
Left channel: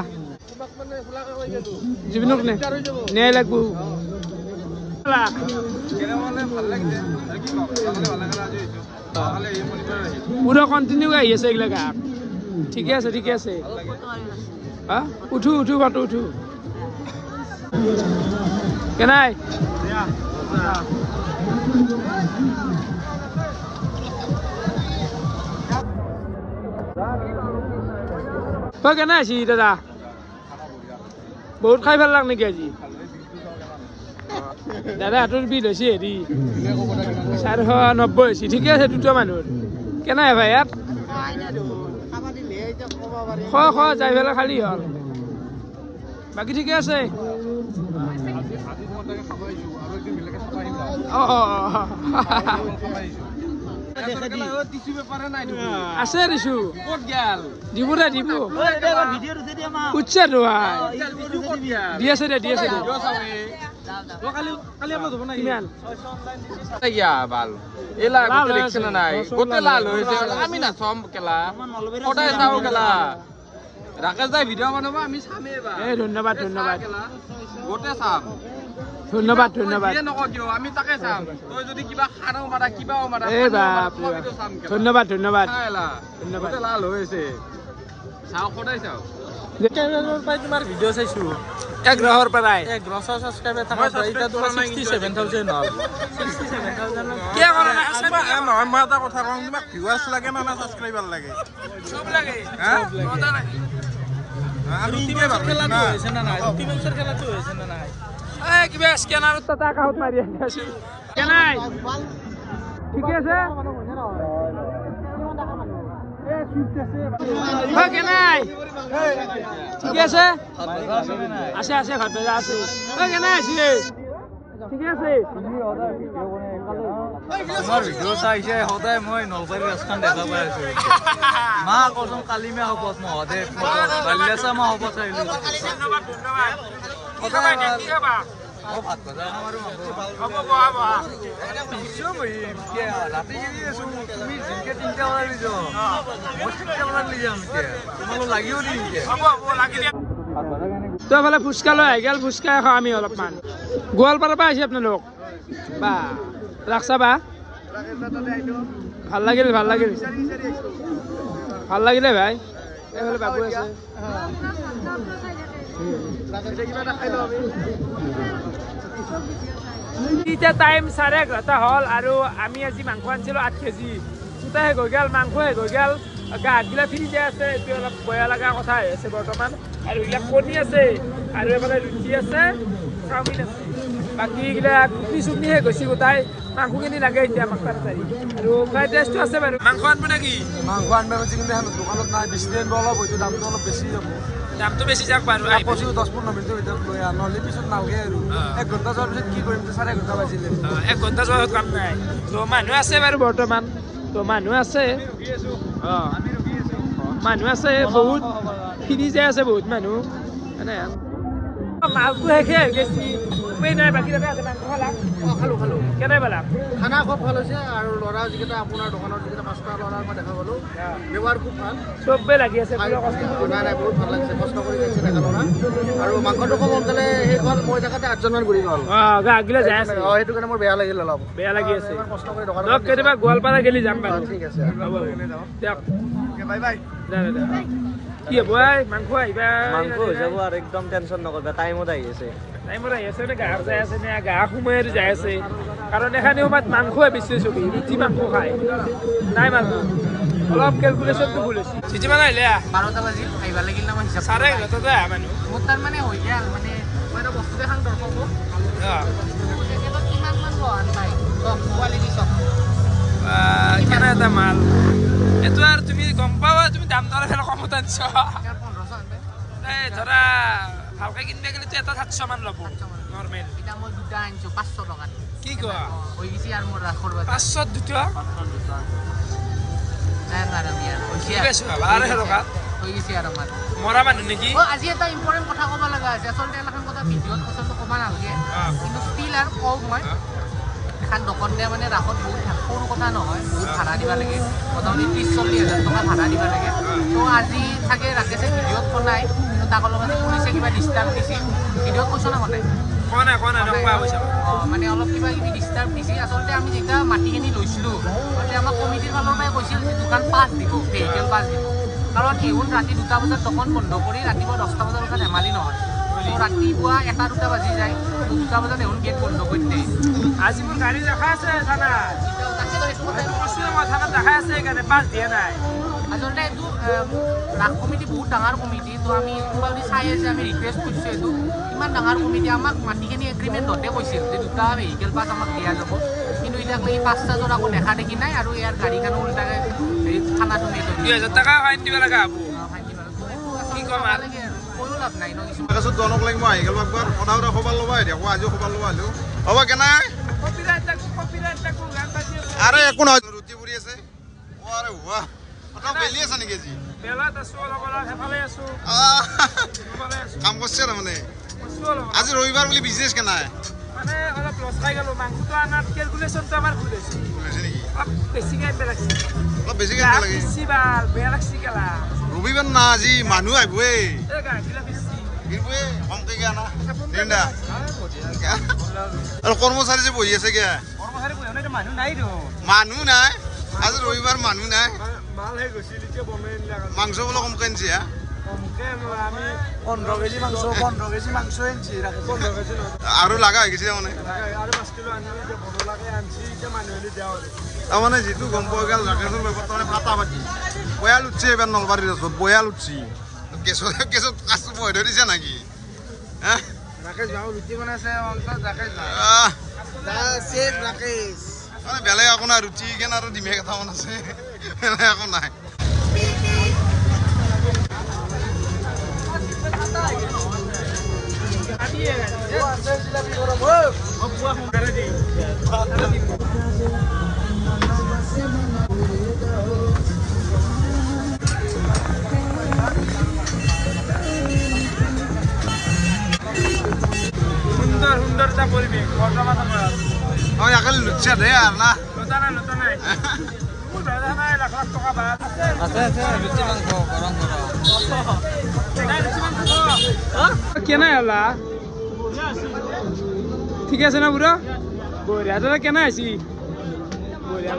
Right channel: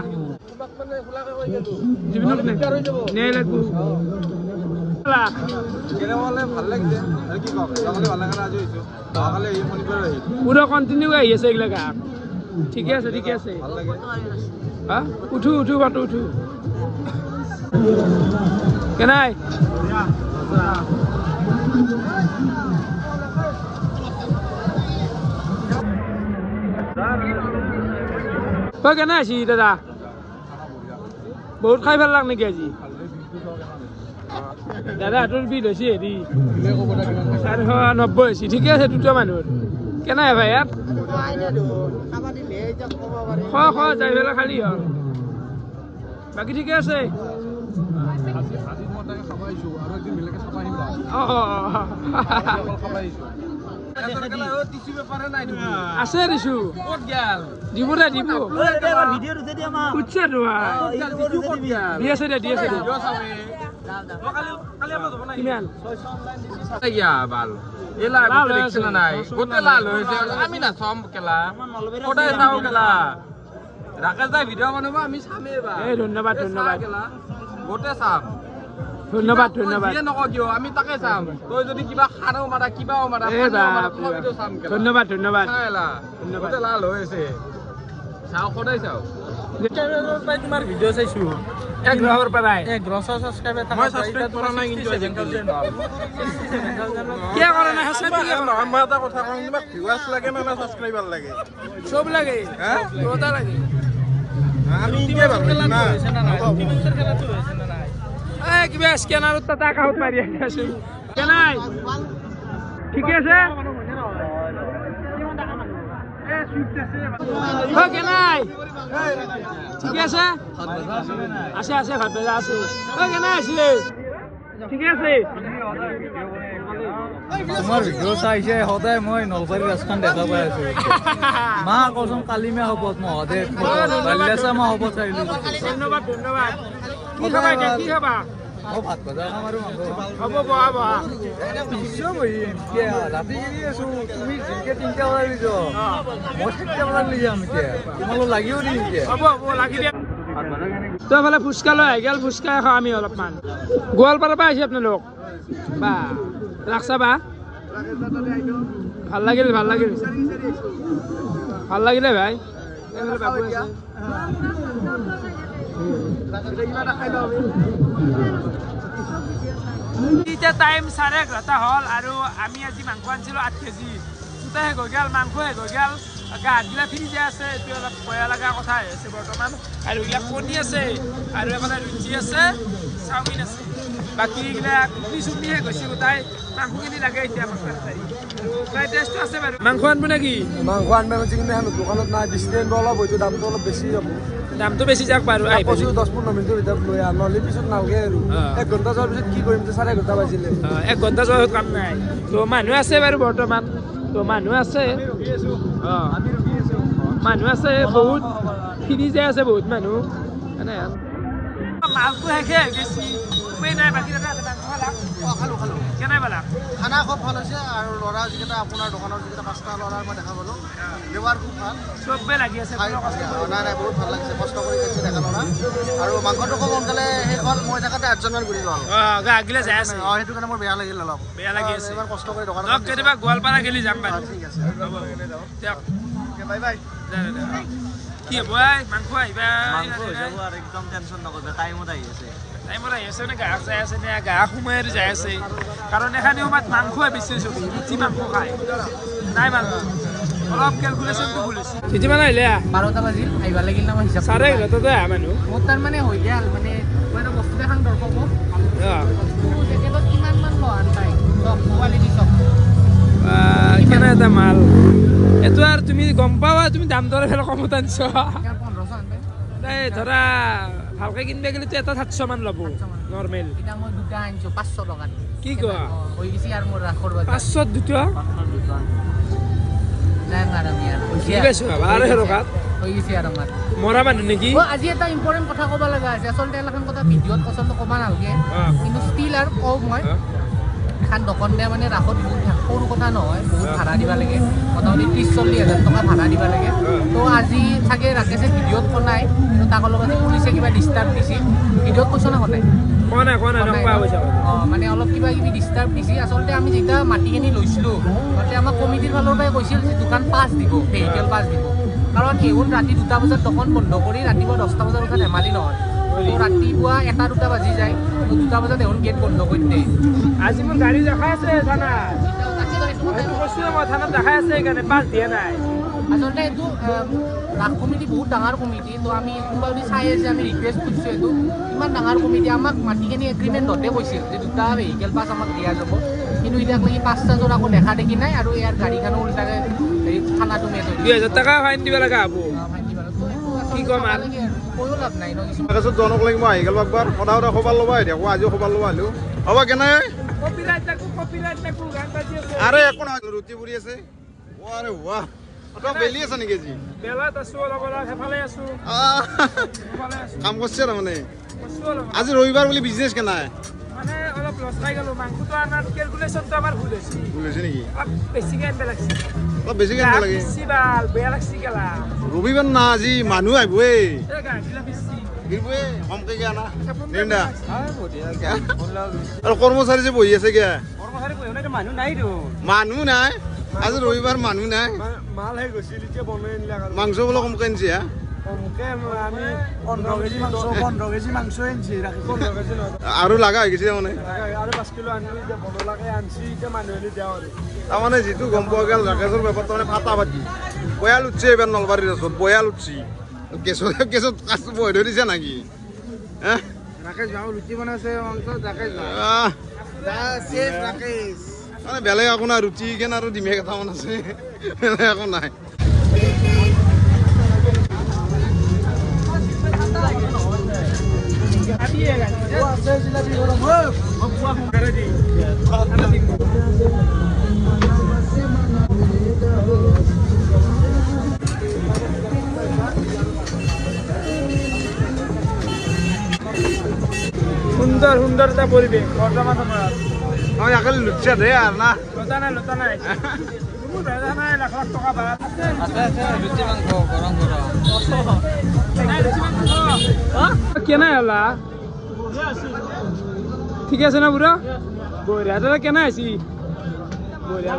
জুবিনক নিয়াই লাগব ভাল লাগিছে আৰু কি কওক ভাল লাগে আজি হৈছো কালি এই মনিটৰ আহিল পুৰা কণ্টিনিউ আহি আছে এইগিলা ঠিকে আছে ঠিকে আছে হা উঠো উঠো বাটো উঠো কেনাই তই কেনে আছি দাদা বহুত খাই ভাল লাগ নেকি আজি দাদা তোৰ বিল হৈছে হেৰি 490 হৈছে ঠিকে আছে দুটা মানুহৰ কেনে ভাই ইয়াত যাই পেলাই খালি হ'ল বাকী ঠিকে আছে আছে ৰিচু দিব দে দিব উঠছে দি আছে দে কিমান ধন্যবাদ তোমাৰ ভিডিঅ' চাইছো 1 গ্ৰহৰ পৰাই 1 গ্ৰহ সাবস্ক্ৰাইবাৰ থকা এতিয়া তোমাৰ 67000 হ'ল 67000 কি কৰা নাই হাসে কি নহয় মই এটা কথা কওঁ তোমাক ভিউৱাৰ্ছ লাগে না সাবস্ক্ৰাইবাৰ লাগে সব লাগে হ্যাঁ দুটা লাগে আমি কি ভাবি না এই কিবা স্ক্যানাৰত টাটা কাউট মাৰি আছো কেনাই ঠিক আছে কেনাই ঠিক আছে আছে ভাত ভাজা আছে কেনাই আছে ঠিক আছে তোমাৰ ভিডিঅ' চাইছে সদায় মই নলবাৰী ৰাস্তাখন দেখা পাই আছো মা কচোন কালি মে হ'ব মহদে বাল্যাসা মা হ'ব চাইলো ধন্যবাদ কি খাবা কি খাবা মই ভাত ভাজা খাম আৰু মাংস হ'ব বহা নিশ্চয় বহিম ৰাতি গেলি আছো তুমি জিনকে 3টা বজাত লিছ মই 7টা বজাত লৈ যাম এতিয়া তোমালোক লাগিও দিম এতিয়া হ'ব লাগি দিয়া তো এফালে ফুচকা লৈ আহি গেল ফুচকা খাওঁ আমি অলপমান গোৱালপাৰাৰ পৰা আহিছে আপোনালোক বা ৰাখছা বা ভাল লাগিলে ভাই এইফালে বাবু আছে এতিয়া টাইম 11:30 হ'ল আৰু আমি আজি মাংস আনিছিলোঁ 8 কেজি দুটা শেষ হৈ গ'ল মাংস শেষ হৈ গ'ল গা হাতগিলা ফ্ৰী যায় আছে এইটো অলপ বেয়া লগা কথা হৈ আছে বৰ্তমান আৰু এইবিলাক কণী আছে আৰু এইফালে ৰুটি আছে চাওমিন আছে বাকী এইগিলা ঘুগনি চুগনি শেষ হৈছে গোটাই মাংসখিনি লাগে এতিয়া আমাক তাড়াতাড়ি আৰু ফ্ৰাইড ৰাইচটো আছে বাৰু মাংস আনব নেকি মাংস আনবা কিন্তু এখন দোকানত নাই বেছি দিন অলপ হয়তো দামটো অলপ বেছি যাব দামটো বেছি যাওক বাৰু 10-15 মিনিটৰ ভিতৰত লৈ আহ নহ'লে পিছত নালগে আৰু 1 ঘণ্টা যোৱাৰ পিছত কি কৰিম 4 ঘণ্টা বাজিলে 1 ঘণ্টা যোৱাৰ কাম নাই তো মানুহ আছে বাৰু বৰ্তমান তো মানুহ আছে মানুহ আছে বহুত ফ্ৰী যায় আছে বহুত মানুহ মানে মাছটো শেষে হৈ গৈছে উপায় নাই বাকী দাদা আছে মাংস খালো কেনে পালা খানা খুব ভাল হৈছে আৰু ল'ৰা যিকেইটা আপোনাৰ দোকানৰ যিকেইটা 5টা ল'ৰাৰ মই দেখা পালোঁ ব্যৱহাৰ খুব ভাল চবেই লাগি আছে কষ্ট নাই বহুত ভাল লাগিছে কষ্ট কৰি খাইছে দেখা ল'ৰা আৰু মাংসটো খুব সোনকালে শেষ হ'ল মই দেখাতে 8জন মান ঘূৰি গ'ল গা আগিলা যাই আছে সেইটো কাৰণে মোৰ বেয়া লাগিল অলপ বেয়া লাগি আছে কষ্ট কৰি দোকানত কেতিয়াবা গোৱালপাৰা গেলি যাম বাৰু ঠিক আছে হ'ব দিয়ক কি হ'ব মাংস আহিবা আৰু একদম টেনশ্যন নকৰিবা টাইমত আহি আছে টাইমত আহি আছে নে গাহক যাই আছে নে গাহক সোমাই যাই আছে কাৰণ এখানে সময়ত মাংসই বেছি চলি ৰুটি মাংস খায় নাই মাংস অলপ কেলকুলেশ্যনটো ভুল হৈছে যিমান আহিলে 12টা বাজিল আহিবা লাগিল না মই হিচাপ 11:30 আহা মানুহ মোৰ তাৰ মানে হৈ গেল মানে মই এটা বস্তু দেখাম দৰ্শকক জেকেটত কিমান মান লয় পাই কোৱালিটি চব কেনে এটা মাল এইটো আৰু তুমি গম পাবা তুমি দাম দৰে ফেলে কমত আনিছ এই ধৰা ভালকে কিনবে গেলে এটা 700 মান ল'ব নৰ্মেল এটা মই দুটা আনিছো 500 টকাত কি কোৱা হৈ গেছি আৰু মোৰ ৰাখৰ বাজাৰ 500 দুটা নাই মাৰাম ইয়াৰ কি বেছ ভালে হেৰকা হৈ গেছি আৰু আমাৰ মৰা মানুহ নেকি আজি এটা ইম্পৰ্টেন্ট কথা ক'ব লগা আছে আচলতে এলাখন কথা ভিডিঅ'ত পছন্দ কবা নালগে কিন্তু ষ্টিল আৰু কও মই এখন দোকান দিয়ে মানে ৰাখত বহুত সৰু কথা নহয় বহুত ভাড়া দিব লাগে মোটামুটি 30-40 হাজাৰ টকা ভাড়া দিব লাগে তো আজি চাগে ৰাকেশে ভিডিঅ'ত কোনাই কিন্তু তাক অলপ পুলিচে কিবা ডিষ্টাৰ্ব দিছে ভিডিঅ'ত কৈছ না কোনাই মানে অলপ কিবা কিবি ডিষ্টাৰ্ব দিছে আচলতে আমি যেতিয়া মাটিখিনি লৈছিলোঁ তাতে আমাৰ কমিটিৰ ফালৰ পৰাই কৈছিল যে দোকান পাছ দিব ভেহিকেল পাছ দিব কাৰণ এইবোৰ ৰাতি 2টা বজাত দোকান বন্ধ কৰি ৰাতিপুৱা 10টা বজাত উঠা ধেমালি নহয় ৰাতিপুৱা 1-2টা বাজি যায় 2টা বজাত এখন গেট বন্ধ কৰি দিয়ে আজি মোৰ গাড়ী দেখাই আছে থানা সেইটো কৈছোঁ মই থানাত দেখাই আছে সেইকাৰণে পাছ দিয়া নাই আচলতে এইটো ৰাস কমিটি বহুত ডাঙৰ কমিটি তো আমি কোনোবা যদি চাই আছে আমি ৰিকুৱেষ্ট কৰিছোঁ এইটো ইমান ডাঙৰ কমিটি আমাক মাটিখিনি এগ্ৰিমেণ্টতে কৈছিল যে 2টা ভেহিকেল পাছ আমাক দিয়া যাব কিন্তু এতিয়ালৈকে 5টা যোৰ আকৌ দেখা দেখি নাই আৰু ইয়াৰ গাড়ীখনো উল্টাকে থানাটো মেচ হৈ 2000 টকা ফাইন দিব লগা হ'ব কি কম আৰু কৈও লাভ নাই ন কিছুমান তাৰপিছত জনক লাগি মই আহি গ'লো একবাৰ সদায় খবৰ ল'ব আহি থাকোঁ আজিও খবৰ ল'ব আহিলোঁ হ'ব কেনে আৰে একো নহয় ৰুটি পুৰি আছে আৰে ৱাহ তই বেলি আছা নেকি আজি বেলাত আছো অলপ অলপ সেইফালে আছো কাম কৰিছে তাৰমানে আজি ৰবিবাৰ বুলি বিজনেছ কেনে মানে অলপ লছ খাই গ'লো মাংসটো আনাত কেলকুলেশ্যনটো আমাৰ ভুল হৈছে নেকি বেছিকে আনিব লাগিছে অলপ বেছিকে আনিব লাগে বেছি ভাল বেয়া লাগছি গেলা ৰবিবাৰ না আজি মানুহ আহিবই গাঁঠিলা বেছি আহিবই কমকে গিয়া না নিন্দা আৰু কৰ্মচাৰী যে বহি আছে গিয়া কৰ্মচাৰী বহি নাই মানুহ নাই তো মানুহ নাই আজি ৰবিবাৰ মানুহ নাই মাল হে গৈছিল এতিয়া বনাই নিলা মাংস বোলে কমকে আনিছে হা কমকে আমি 15 কেজি মাংস আনিছি ৰাখিছি আৰু লাগা হৈ গৈছে মানে আৰু 5 কিলো আনি এতিয়া বনলাকে আনছি এতিয়া মানুহ আনি দিয়া আৰু তাৰমানে যিটো গম পোৱা গ'ল ৰাকেশৰ বেপাৰটো মানে ফাটা ফাটি বয়াল উঠছে এইবাৰ নলবাৰীৰ ৰাস্তাত বয়াল উঠছি কেছত কাছ বহি ধৰি দিছে নেকি ৰুটি বনাইছে মাংস জাকে মানে বেলেগ একো নাই ৰুটি কেন আৰু ডিমে কেইটামান আছে বেলেগ একো নাই সুন্দৰ সুন্দৰ এটা পৰিৱেশ বৰ্তমান সময়ত আমি একালি লুটছে দে আৰু না লতা নাই মোৰ দাদা নাই লাখ লাখ টকা ভাল কেনে হলা ঠিক আছে না বুড়া বঢ়িয়া দাদা কেনে আছি বঢ়িয়া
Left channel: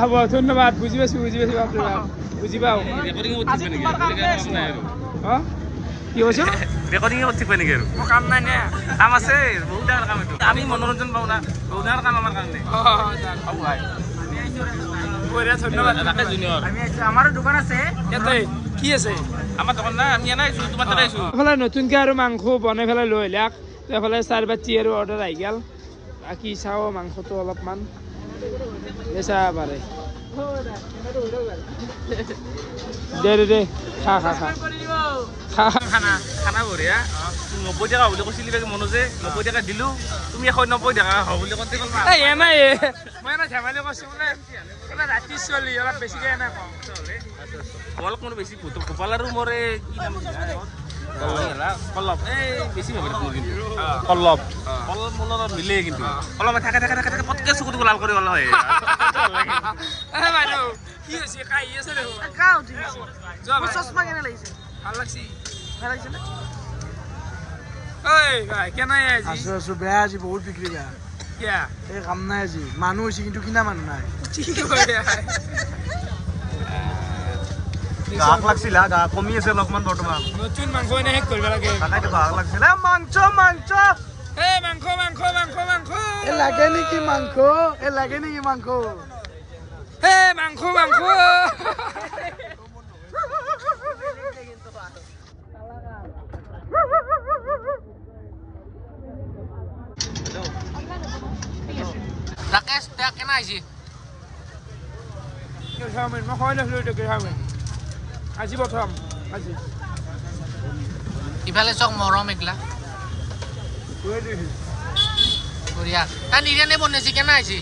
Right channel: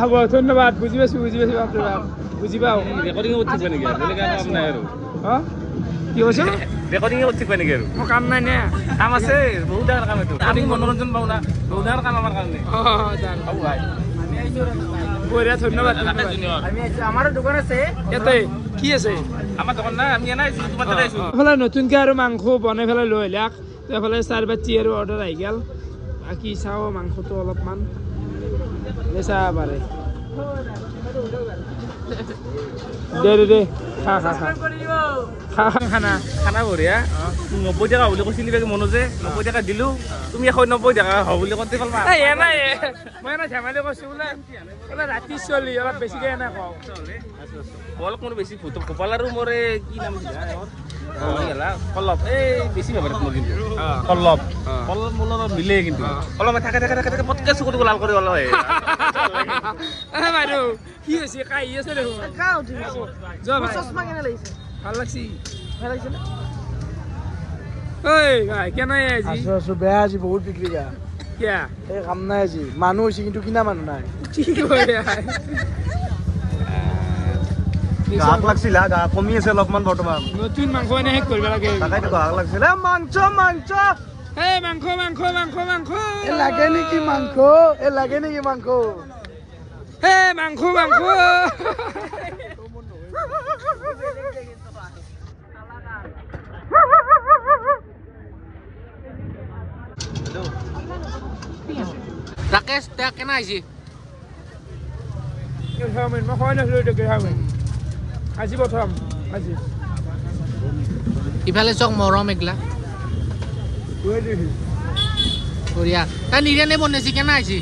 হ'ব ধন্যবাদ বুজি পাইছো বাপৰে বাপ বুজি পাওঁ কি কৈছ ৰেকৰ্ডিং ঠিক পাই নেকি আৰু মোৰ কাম নাই নে কাম আছে বহুত ডাঙৰ কাম এইটো আমি মনোৰঞ্জন পাওঁ না বহুত ডাঙৰ কাম আমাৰ কাৰণে বঢ়িয়া ধন্যবাদ আমি আমাৰো দোকান আছে ইয়াতে কি আছে আমাৰ দোকান নাই আমি এনে আহিছোঁ তোমাৰ তাতে আহিছোঁ এইফালে নতুনকৈ আৰু মাংস বনাই পেলাই লৈ আহিলাক এইফালে 4 বাটি আৰু অৰ্ডাৰ আহি গ'ল বাকী চাওঁ মাংসটো অলপমান চাব পাৰে দে খা খানা বঢ়িয়া 90 টকা বুলি কৈছিলি বাকী মনোজে 90 টকা দিলোঁ তুমি 190 টকা হ'ব বুলি কওঁতে ক'লা নাই মই এনে ধেমালি কৈছোঁ বোলে ৰাতি চলি অলপ বেছিকৈ এনে কওঁ অলপ মোৰ বেছি ভোপাল আৰু মোৰ কি নাম কল্লপ এই বেছি ভাবে মোৰ কিন্তু কল্লপ মোৰ মিলে কিন্তু অলপ থাকে পটকে চকুটো লাল কৰি অলপ বাইদেউ কি হৈছে কাহি আছে দেখোন চশমা কেনে লাগিছে ভাল লাগছি নে ভাই কেনে আজি আছো বেয়া আজি বহুত বিক্ৰী বেয়া কিয়া এই কাম নাই আজি মানুহ হৈছে কিন্তু কিনা মানুহ নাই গাহক লাগছিল গা কমি আছে অলপমান বৰ্তমান নতুন মাংস এনে শেষ কৰিব লাগে তাকাইতো গাহক লাগিছিল মাংস মাংস লাগে নেকি মাংস মাংস ৰাকেশ তেওঁ কেনে আহিছে মই খোৱাই নাছিলোঁ আজি প্ৰথম আজি ইফালে চক মৰম এগলা বঢ়িয়া তাই নিৰিয়ানে বনাইছে কেনে আহিছে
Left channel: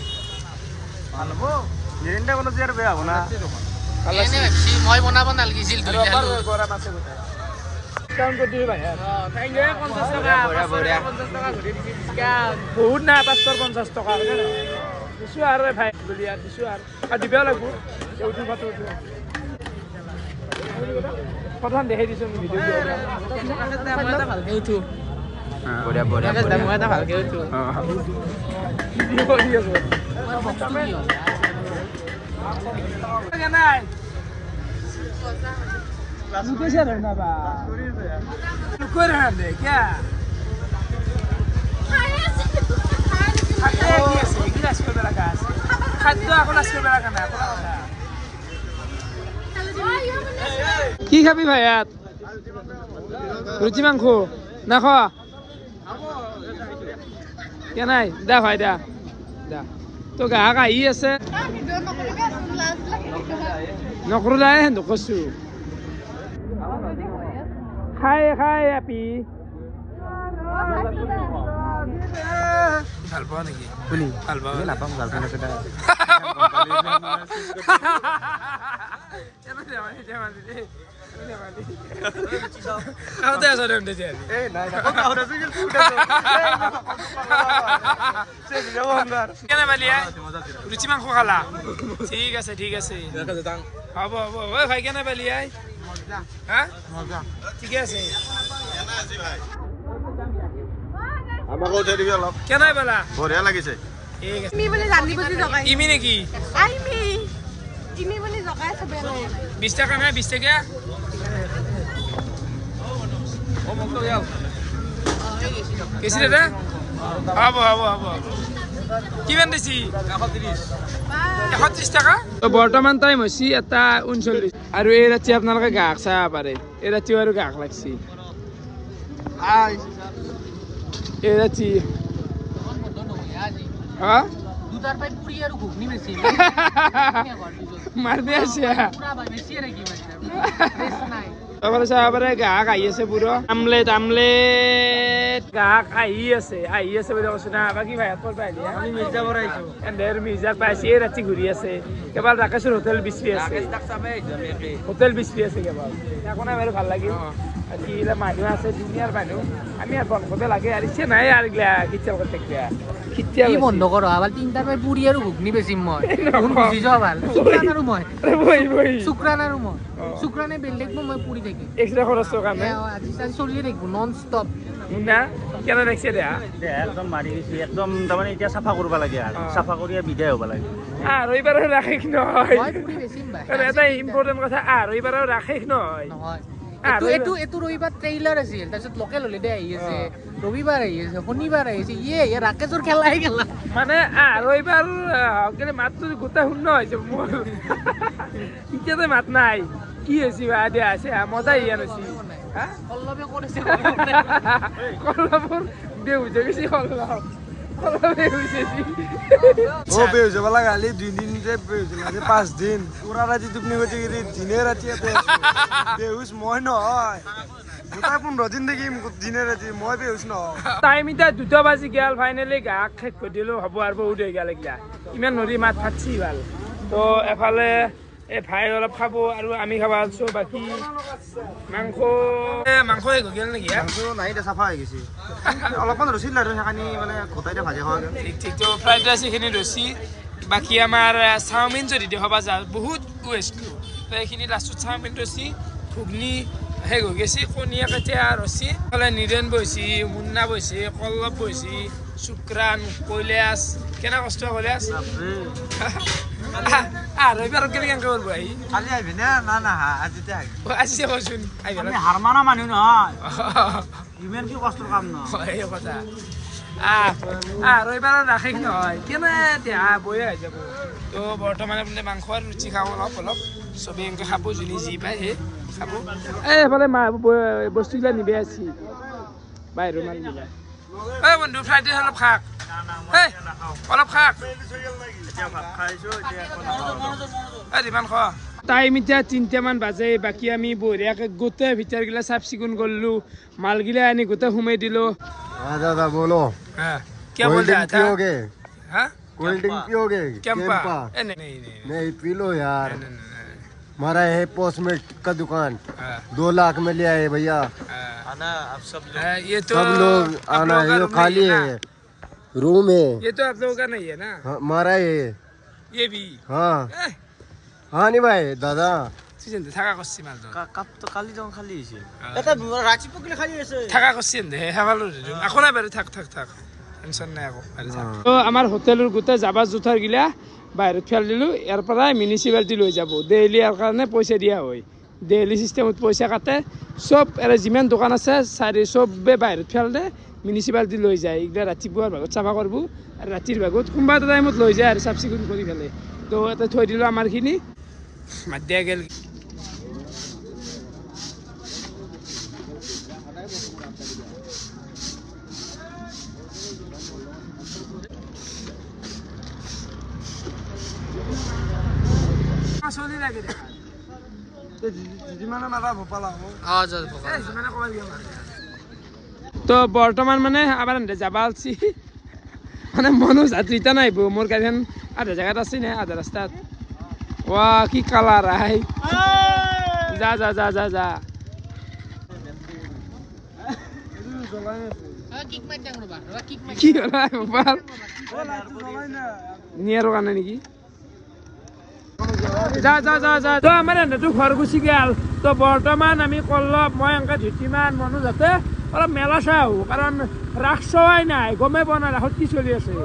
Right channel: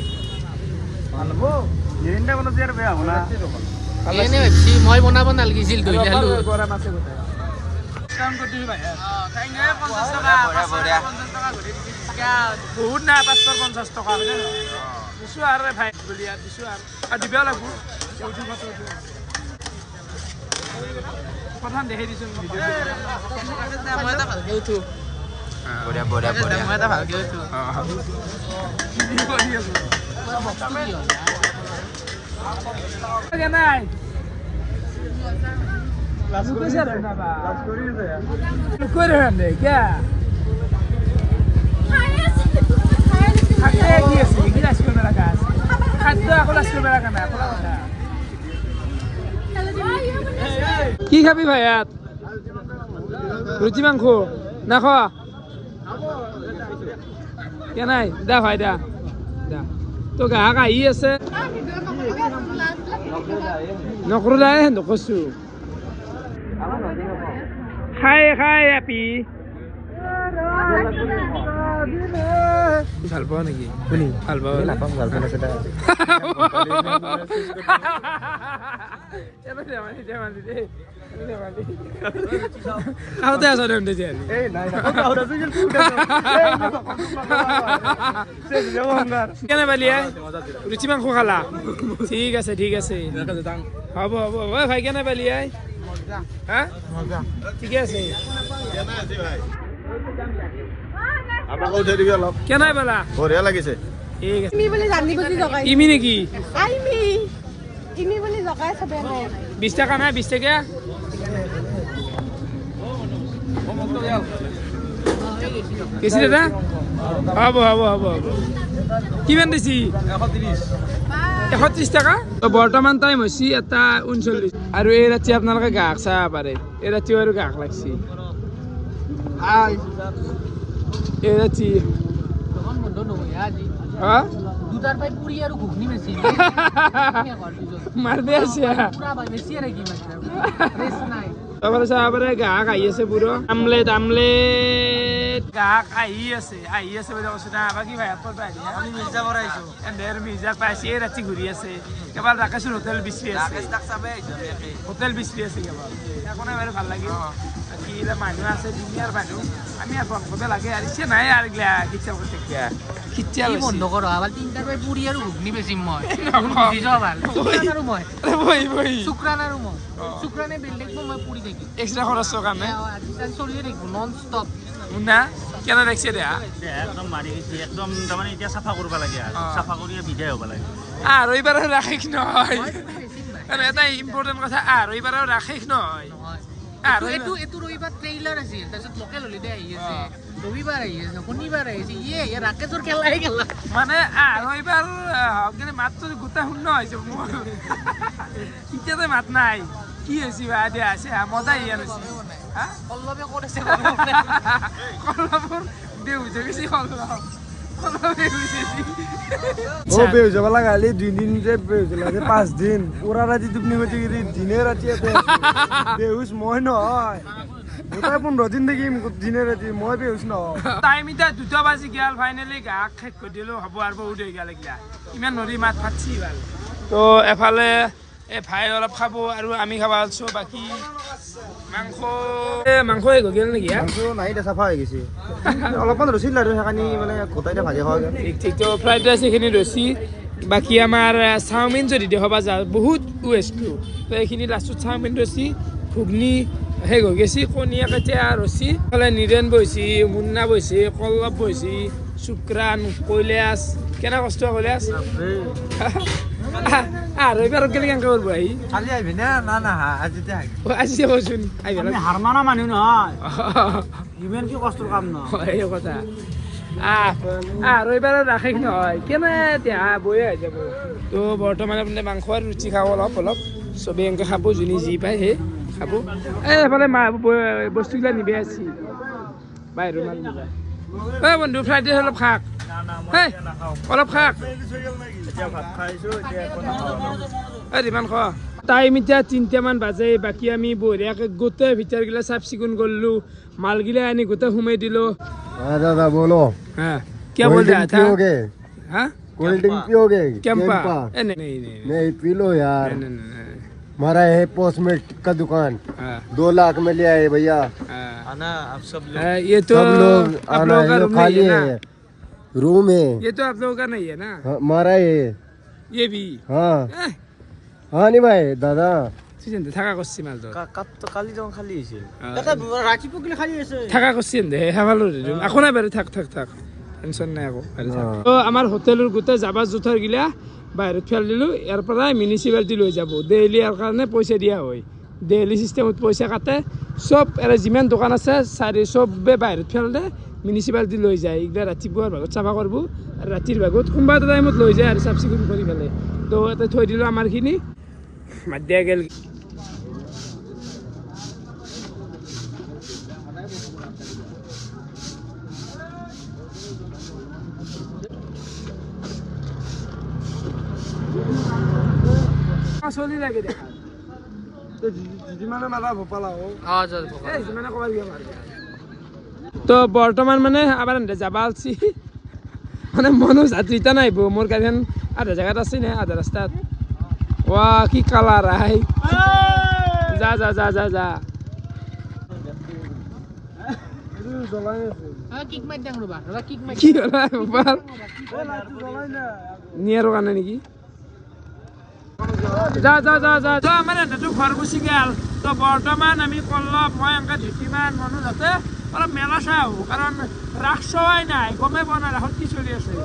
এনে ভাবছি মই বনাব নালাগিছিল ধৰি খালো বহুত নাই 550 টকা হয় নে দিছোঁ আৰু ভাই বুলি দিছোঁ আৰু দিবও লাগিব প্ৰথম দেখাই দিছোঁ ভিডিঅ' ভালকে উঠো নাই মেলা খানা খোলা কথা কি খাবি ভাই ইয়াত রুচি মাংস না খোৱা কে নাই দা ভাই দা দা তো গ্ৰাহক আহি আছে নকৰোঁ হেন কৈছো খাই খাই আপি ভাল পাওঁ নেকি ভাল পাওঁ নাপাম গাৰ্লফ্ৰেণ্ড আছে দা কেনে পালিয়ে ৰুচি মাংস খালা ঠিক আছে ঠিক আছে হ'ব হ'ব ভাই কেনে পালিয়ে হা ঠিকে আছে কেনাই পালা বঢ়িয়া লাগিছে ইমি নেকি 20 টাকা না 20 টাকা কেছি দাদা হ'ব হ'ব হ'ব হ'ব কিমান দিছি 130 টাকা বৰ্তমান টাইম হৈছে এটা 39 আৰু এই ৰাতি আপোনালোকে গাহক চাব পাৰে এই ৰাতিও আৰু গাহক লাগছি এই ৰাতি হা দুটাৰ পাই পুৰি আৰু ঘুগনি বেছি মাৰবে আছে পুৰা ভাই বেছি ৰে কি মানে ৰেস নাই তারপরে সাহাবারে গাহক আহি আছে পুরো আমলেট আমলেট গাহক আহি আছে বলে কৈছে না বাকি ভাই আপর পাই দিয়া আমি মির্জা বরাইছো এন্ডের মির্জা পাইছে এই রাতি ঘুরি আছে কেবল ৰাকেশৰ হোটেল বিচি আছে হোটেল বিচি আছে কেবল এখন আমার ভাল লাগিল কি ইলা মানুহ আছে দুনিয়ার মানুহ আমি আর বন্ধ লাগে আর সে নাই আর গলা কিচ্ছা করতে কিয়া কিচ্ছা কি বন্ধ করো আবার তিনটার পাই পুরি আৰু ঘুগনি বেছি মই কোন বুঝি যাও ভাল শুক্রানারু মই বই শুক্রানারু মই শুক্রানে বেলডেক মই পুরি দেখি এক্সট্রা খরচ কামে আজি তাই চলি দেখব নন স্টপ না কেন দেখছে দেয়া একদম মাৰি দিছি একদম তাৰমানে এতিয়া চাফা কৰিব লাগে আৰু চাফা কৰিয়া বিদায় হ'ব লাগে আৰু এইবাৰো ৰাখিক নহয় মই পুৰি বেছি ভাই আৰু এটা ইম্পৰ্টেন্ট কথা আৰু এইবাৰো ৰাখিক নহয় নহয় এটো ৰবিবাৰ ট্ৰেইলাৰ আছিল তাৰপিছত লোকেল হলিডে আহি আছে ৰবিবাৰ আহি আছে শনিবাৰ আহি আছে ইয়ে ৰাকেশৰ খেলা আহি গেল মানে আৰু এইবাৰ হকলে মাতটো গোটা শূন্য হৈছে মোৰ ইতিয়াতে মাত নাই কি হৈছে আদে আছে মজা ইয়া নছি হা কল্লবে কৰিছে কল্লবৰ বেউজে গেছি কল্লব কল্লবে বেউজেছি ও বেউজ বালা গালি 2 দিন যে বেউজ লাগে 5 দিন পুরা রাতি তুমি হতে গিয়ে দিনে রাতি এতে বেউজ মই নহয় গোটা 15 দিন দেখি দিনে ৰাতি মই বেউজ নহয় টাইম ইটা 2 বাজি গেল ফাইনালি গাক শেষ কৰি দিলো হ'ব আৰু বহুত হৈ গেল একলা ইমান নদী মাত ফাটছি ভাল তো এফালে এই ভাই অলপ খাব আৰু আমি খাব আছো বাকি মাংস হৈ গেল নেকি নাই এটা সাফা হৈ গৈছে অলপমান ৰছিল আৰু হেকানি মানে গোটাইতে ভাগে খাওয়া গেল ঠিক তো ফ্রাইড রাইস এখানে রসি বাকি আমার চাউমিন যদি দেখাবা যা বহুত ওয়েস্টটো তো এইখিনি লাস্টত চাউমিন রসি ঘুগনি শেষ হৈ গেছি কণীয়া কাটিয়া ৰচি ফালে নিৰেণ বৈছি মুন্না বৈছি কল্লব বৈছি শুক্ৰান কৈলাশ কেনে কষ্ট কৈলাশ আৰু এইবাৰ কেনে কেনেকে কৰিব আহি খালি আহিবি না না না আজিতে আহি আজি কৈছোন আমি হাৰমানা মানুহ নহয় ইমান কি কষ্টৰ কাম নহয় এই কথা আৰু এইবাৰ ৰাখেক নহয় কেনে এতিয়া বয়ে হৈ যাব তো বৰ্তমান আপুনি মাংস আৰু ৰুচি খাব অলপ চবেই এনেকৈ খাব যোনে যি পায় সেই খাব এইফালে বস্তুবিলাক নিবে আছি বাহিৰৰ মাল নিবা এই বন্ধু ফ্ৰাইড ৰাইচ অলপ খাক অলপ খাক যিমান খোৱা টাইম এতিয়া 3টামান বাজে বাকী আমি বঢ়িয়াকৈ গোটেই ভিতৰগিলা চাফ চিকুণ কৰিলো মালগিলা আনি গোটেই সোমাই দিলো दादा बोलो हाँ क्या बोल रहा था पियोगे हाँ कोल्ड ड्रिंक पियोगे कैंपा कैंपा नहीं नहीं पी लो यार नहीं हमारा है पोस्टमेट का दुकान हाँ 2 लाख में ले आए भैया आना आप सब लोग ये तो सब लोग आप आना लोगों का है रूम खाली नहीं है है रूम है ये तो आप लोगों का नहीं है ना हमारा है ये भी हाँ हाँ नहीं भाई दादा চিন্তা থাকা করছি মাল তো কাপ তো কালি যখন খালি হয়েছিল এটা রাঁচিপুর গেলে খালি আছে থাকা করছি দে হেভালো এখন না বেরে থাক টেনশন নাই আকৌ বেরে থাক তো আমার হোটেলের গোটে যাবা জুথার গিলা বাহিৰত ফেল দিলো ইয়াৰ পৰা মিউনিচিপালিটি লৈ যাব ডেইলি ইয়াৰ কাৰণে পইচা দিয়া হয় ডেইলি সিস্টেমত পইচা কাটে সব এৰে যিমান দোকান আছে চবে বাহিৰত ফেল দে মিউনিচিপালিটি লৈ যায় এইগিলা ৰাতিপুৱাৰ ভাগত চাফা কৰিব আৰু ৰাতিৰ ভাগত কোনোবা এটা টাইমত লৈ যায় আৰু চাফ চিকুণ কৰি পেলাই তো ইয়াতে থৈ দিলোঁ আমাৰখিনি মাত দিয়া গেল চলি লাগে দেখা যিমানে মাৰা ভোপালা হওক যিমানে ক'বাৰ গেম আৰু তো বৰ্তমান মানে আবাৰ যাবা আলছি মানে মনো যাত্ৰীতা নাইব মোৰ গাড়ীখন আধা জেগাত আছে নে আধা ৰাস্তাত ৱা কি কালাৰ আই যা যা যা যা যা কি কৰা মোবাইল নিয়াৰ কাৰণে নেকি যা যা যা যা তো আমাৰ এন্দাটো ঘৰ গুচি গেল তো বৰ্তমান আমি কল্লপ মই এনেকৈ ধুতিমান মানুহ যাতে অলপ মেলা চাই আহোঁ কাৰণ ৰাস চোৱাই নাই গমেই পোৱা নাই ৰাসত কি চলি আছে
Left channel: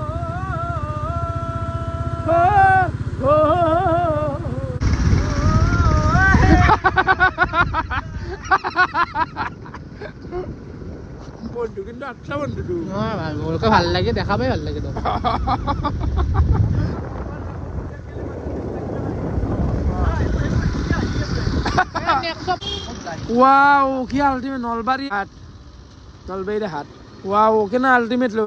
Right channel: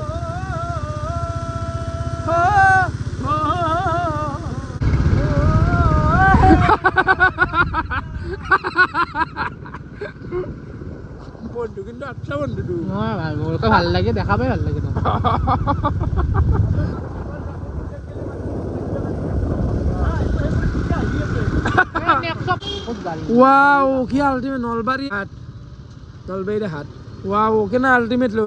বন্ধু কিন্তু আচ্ছা বন্ধুটো ভাল লাগে দেখা পাই ভাল লাগে wow কি আলটিমেট নলবাৰী হাট নলবাৰী হাট wow কেনে আলটিমেট লো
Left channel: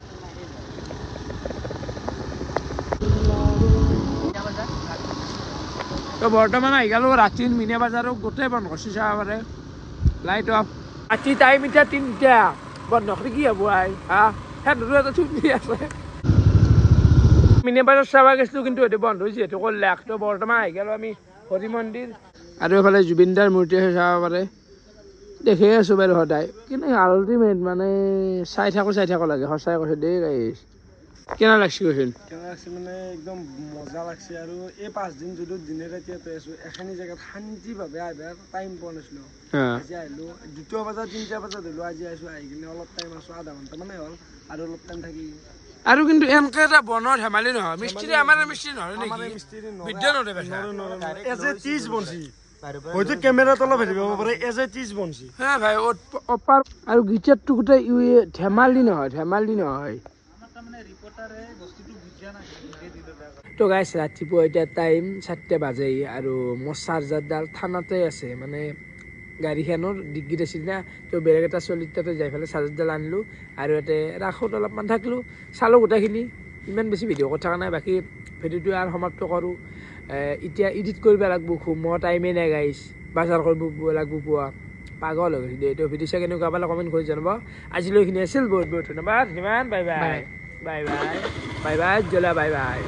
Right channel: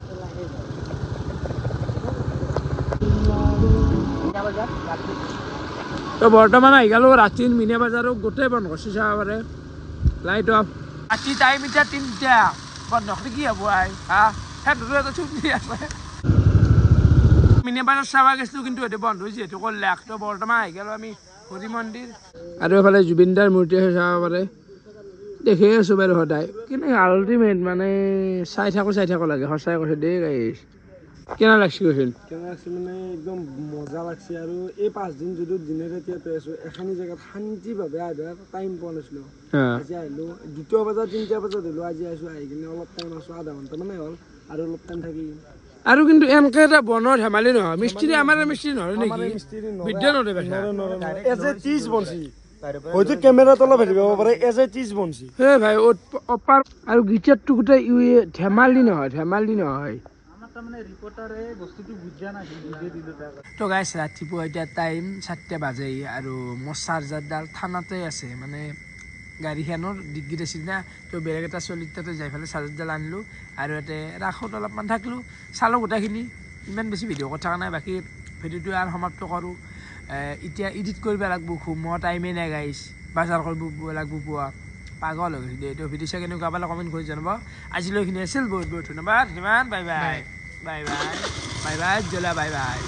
তো বৰ্তমান আহি গেলো ৰাতিৰ মিনা বজাৰো গোটেই বন্ধ কৰিছে চাব পাৰে লাইট অফ ৰাতি টাইম এতিয়া 3টা বন্ধ কৰি কি হ'ব আই হা সেইটো ছুটি আছে মিনা বজাৰ চাব গৈছিলোঁ কিন্তু এইটো বন্ধ হৈছে এইটো কৰিলে তো বৰ্তমান আহি গেলো আমি হৰি মন্দিৰ আৰু এফালে জুবিনদাৰ মূৰ্তি আছে চাব পাৰে দেখি আছোঁ বাৰু সদায় কিন্তু আল্টিমেট মানে চাই থাকো লাগে সঁচাই কৈছে দেই গাইছ কেনে লাগছে কৈছিল মানে একদম মজা লাগছে আৰু এই 5 দিন যদি দিনে ৰাতি আছো এখানি জেগাত শান্তিভাৱে আহিবা টাইম পোৱা নাছিলো আজি আহিলো 2টা বজাত 3টা বজাত হলো আজি আহিছো আহি কিনে অলপ টাইম আছো আধা ঘণ্টা মানে হ'ল আৰু অলপ টাইম থাকি আৰু কিন্তু এনেকে এটা বনৰ ধেমালি নহয় মিস্ত্ৰী আমাৰ মিস্ত্ৰী নহয় নেকি বিদ্যা নৰে এজ এ চিজ বনছি হয়তো কেমেৰাত অলপ হেৰি কৰিব পাৰে এজ এ চিজ বনছি হে ভাই অপাৰ আৰু গিটাৰটো গোটেই ধেমালি নহয় তো গাইছ ৰাতিপুৱা এতিয়া টাইম 7টা বাজে আৰু মোৰ চাৰ্জাৰডাল থানাতে আছে মানে গাড়ীখনৰ ডিগ্গিত আছিল না তো বেলেগ এটা চলিত তাতে যাই পেলাই চাৰ্জাৰডাল আনিলোঁ আৰু ইয়াতে ৰাসত অলপমান থাকিলোঁ চালোঁ গোটেইখিনি ইমান বেছি ভিডিঅ' কথা নাই বাকী ভিডিঅ'টো আৰু সমাপ্ত কৰোঁ এতিয়া এডিট কৰিব লাগিব মই টাইমেই নাই গাইছ বাজাৰ কৰিব লাগিব পুৱা পাগল হৈ গৈছে এইটো ভিডিঅ' চাই কেনেকুৱা পালে কমেণ্ট কৰি জনাব আজিলৈখিনি আছিল বহুত বহুত ধন্যবাদ সিমান bye bye bye bye bye bye জলা বাই বাই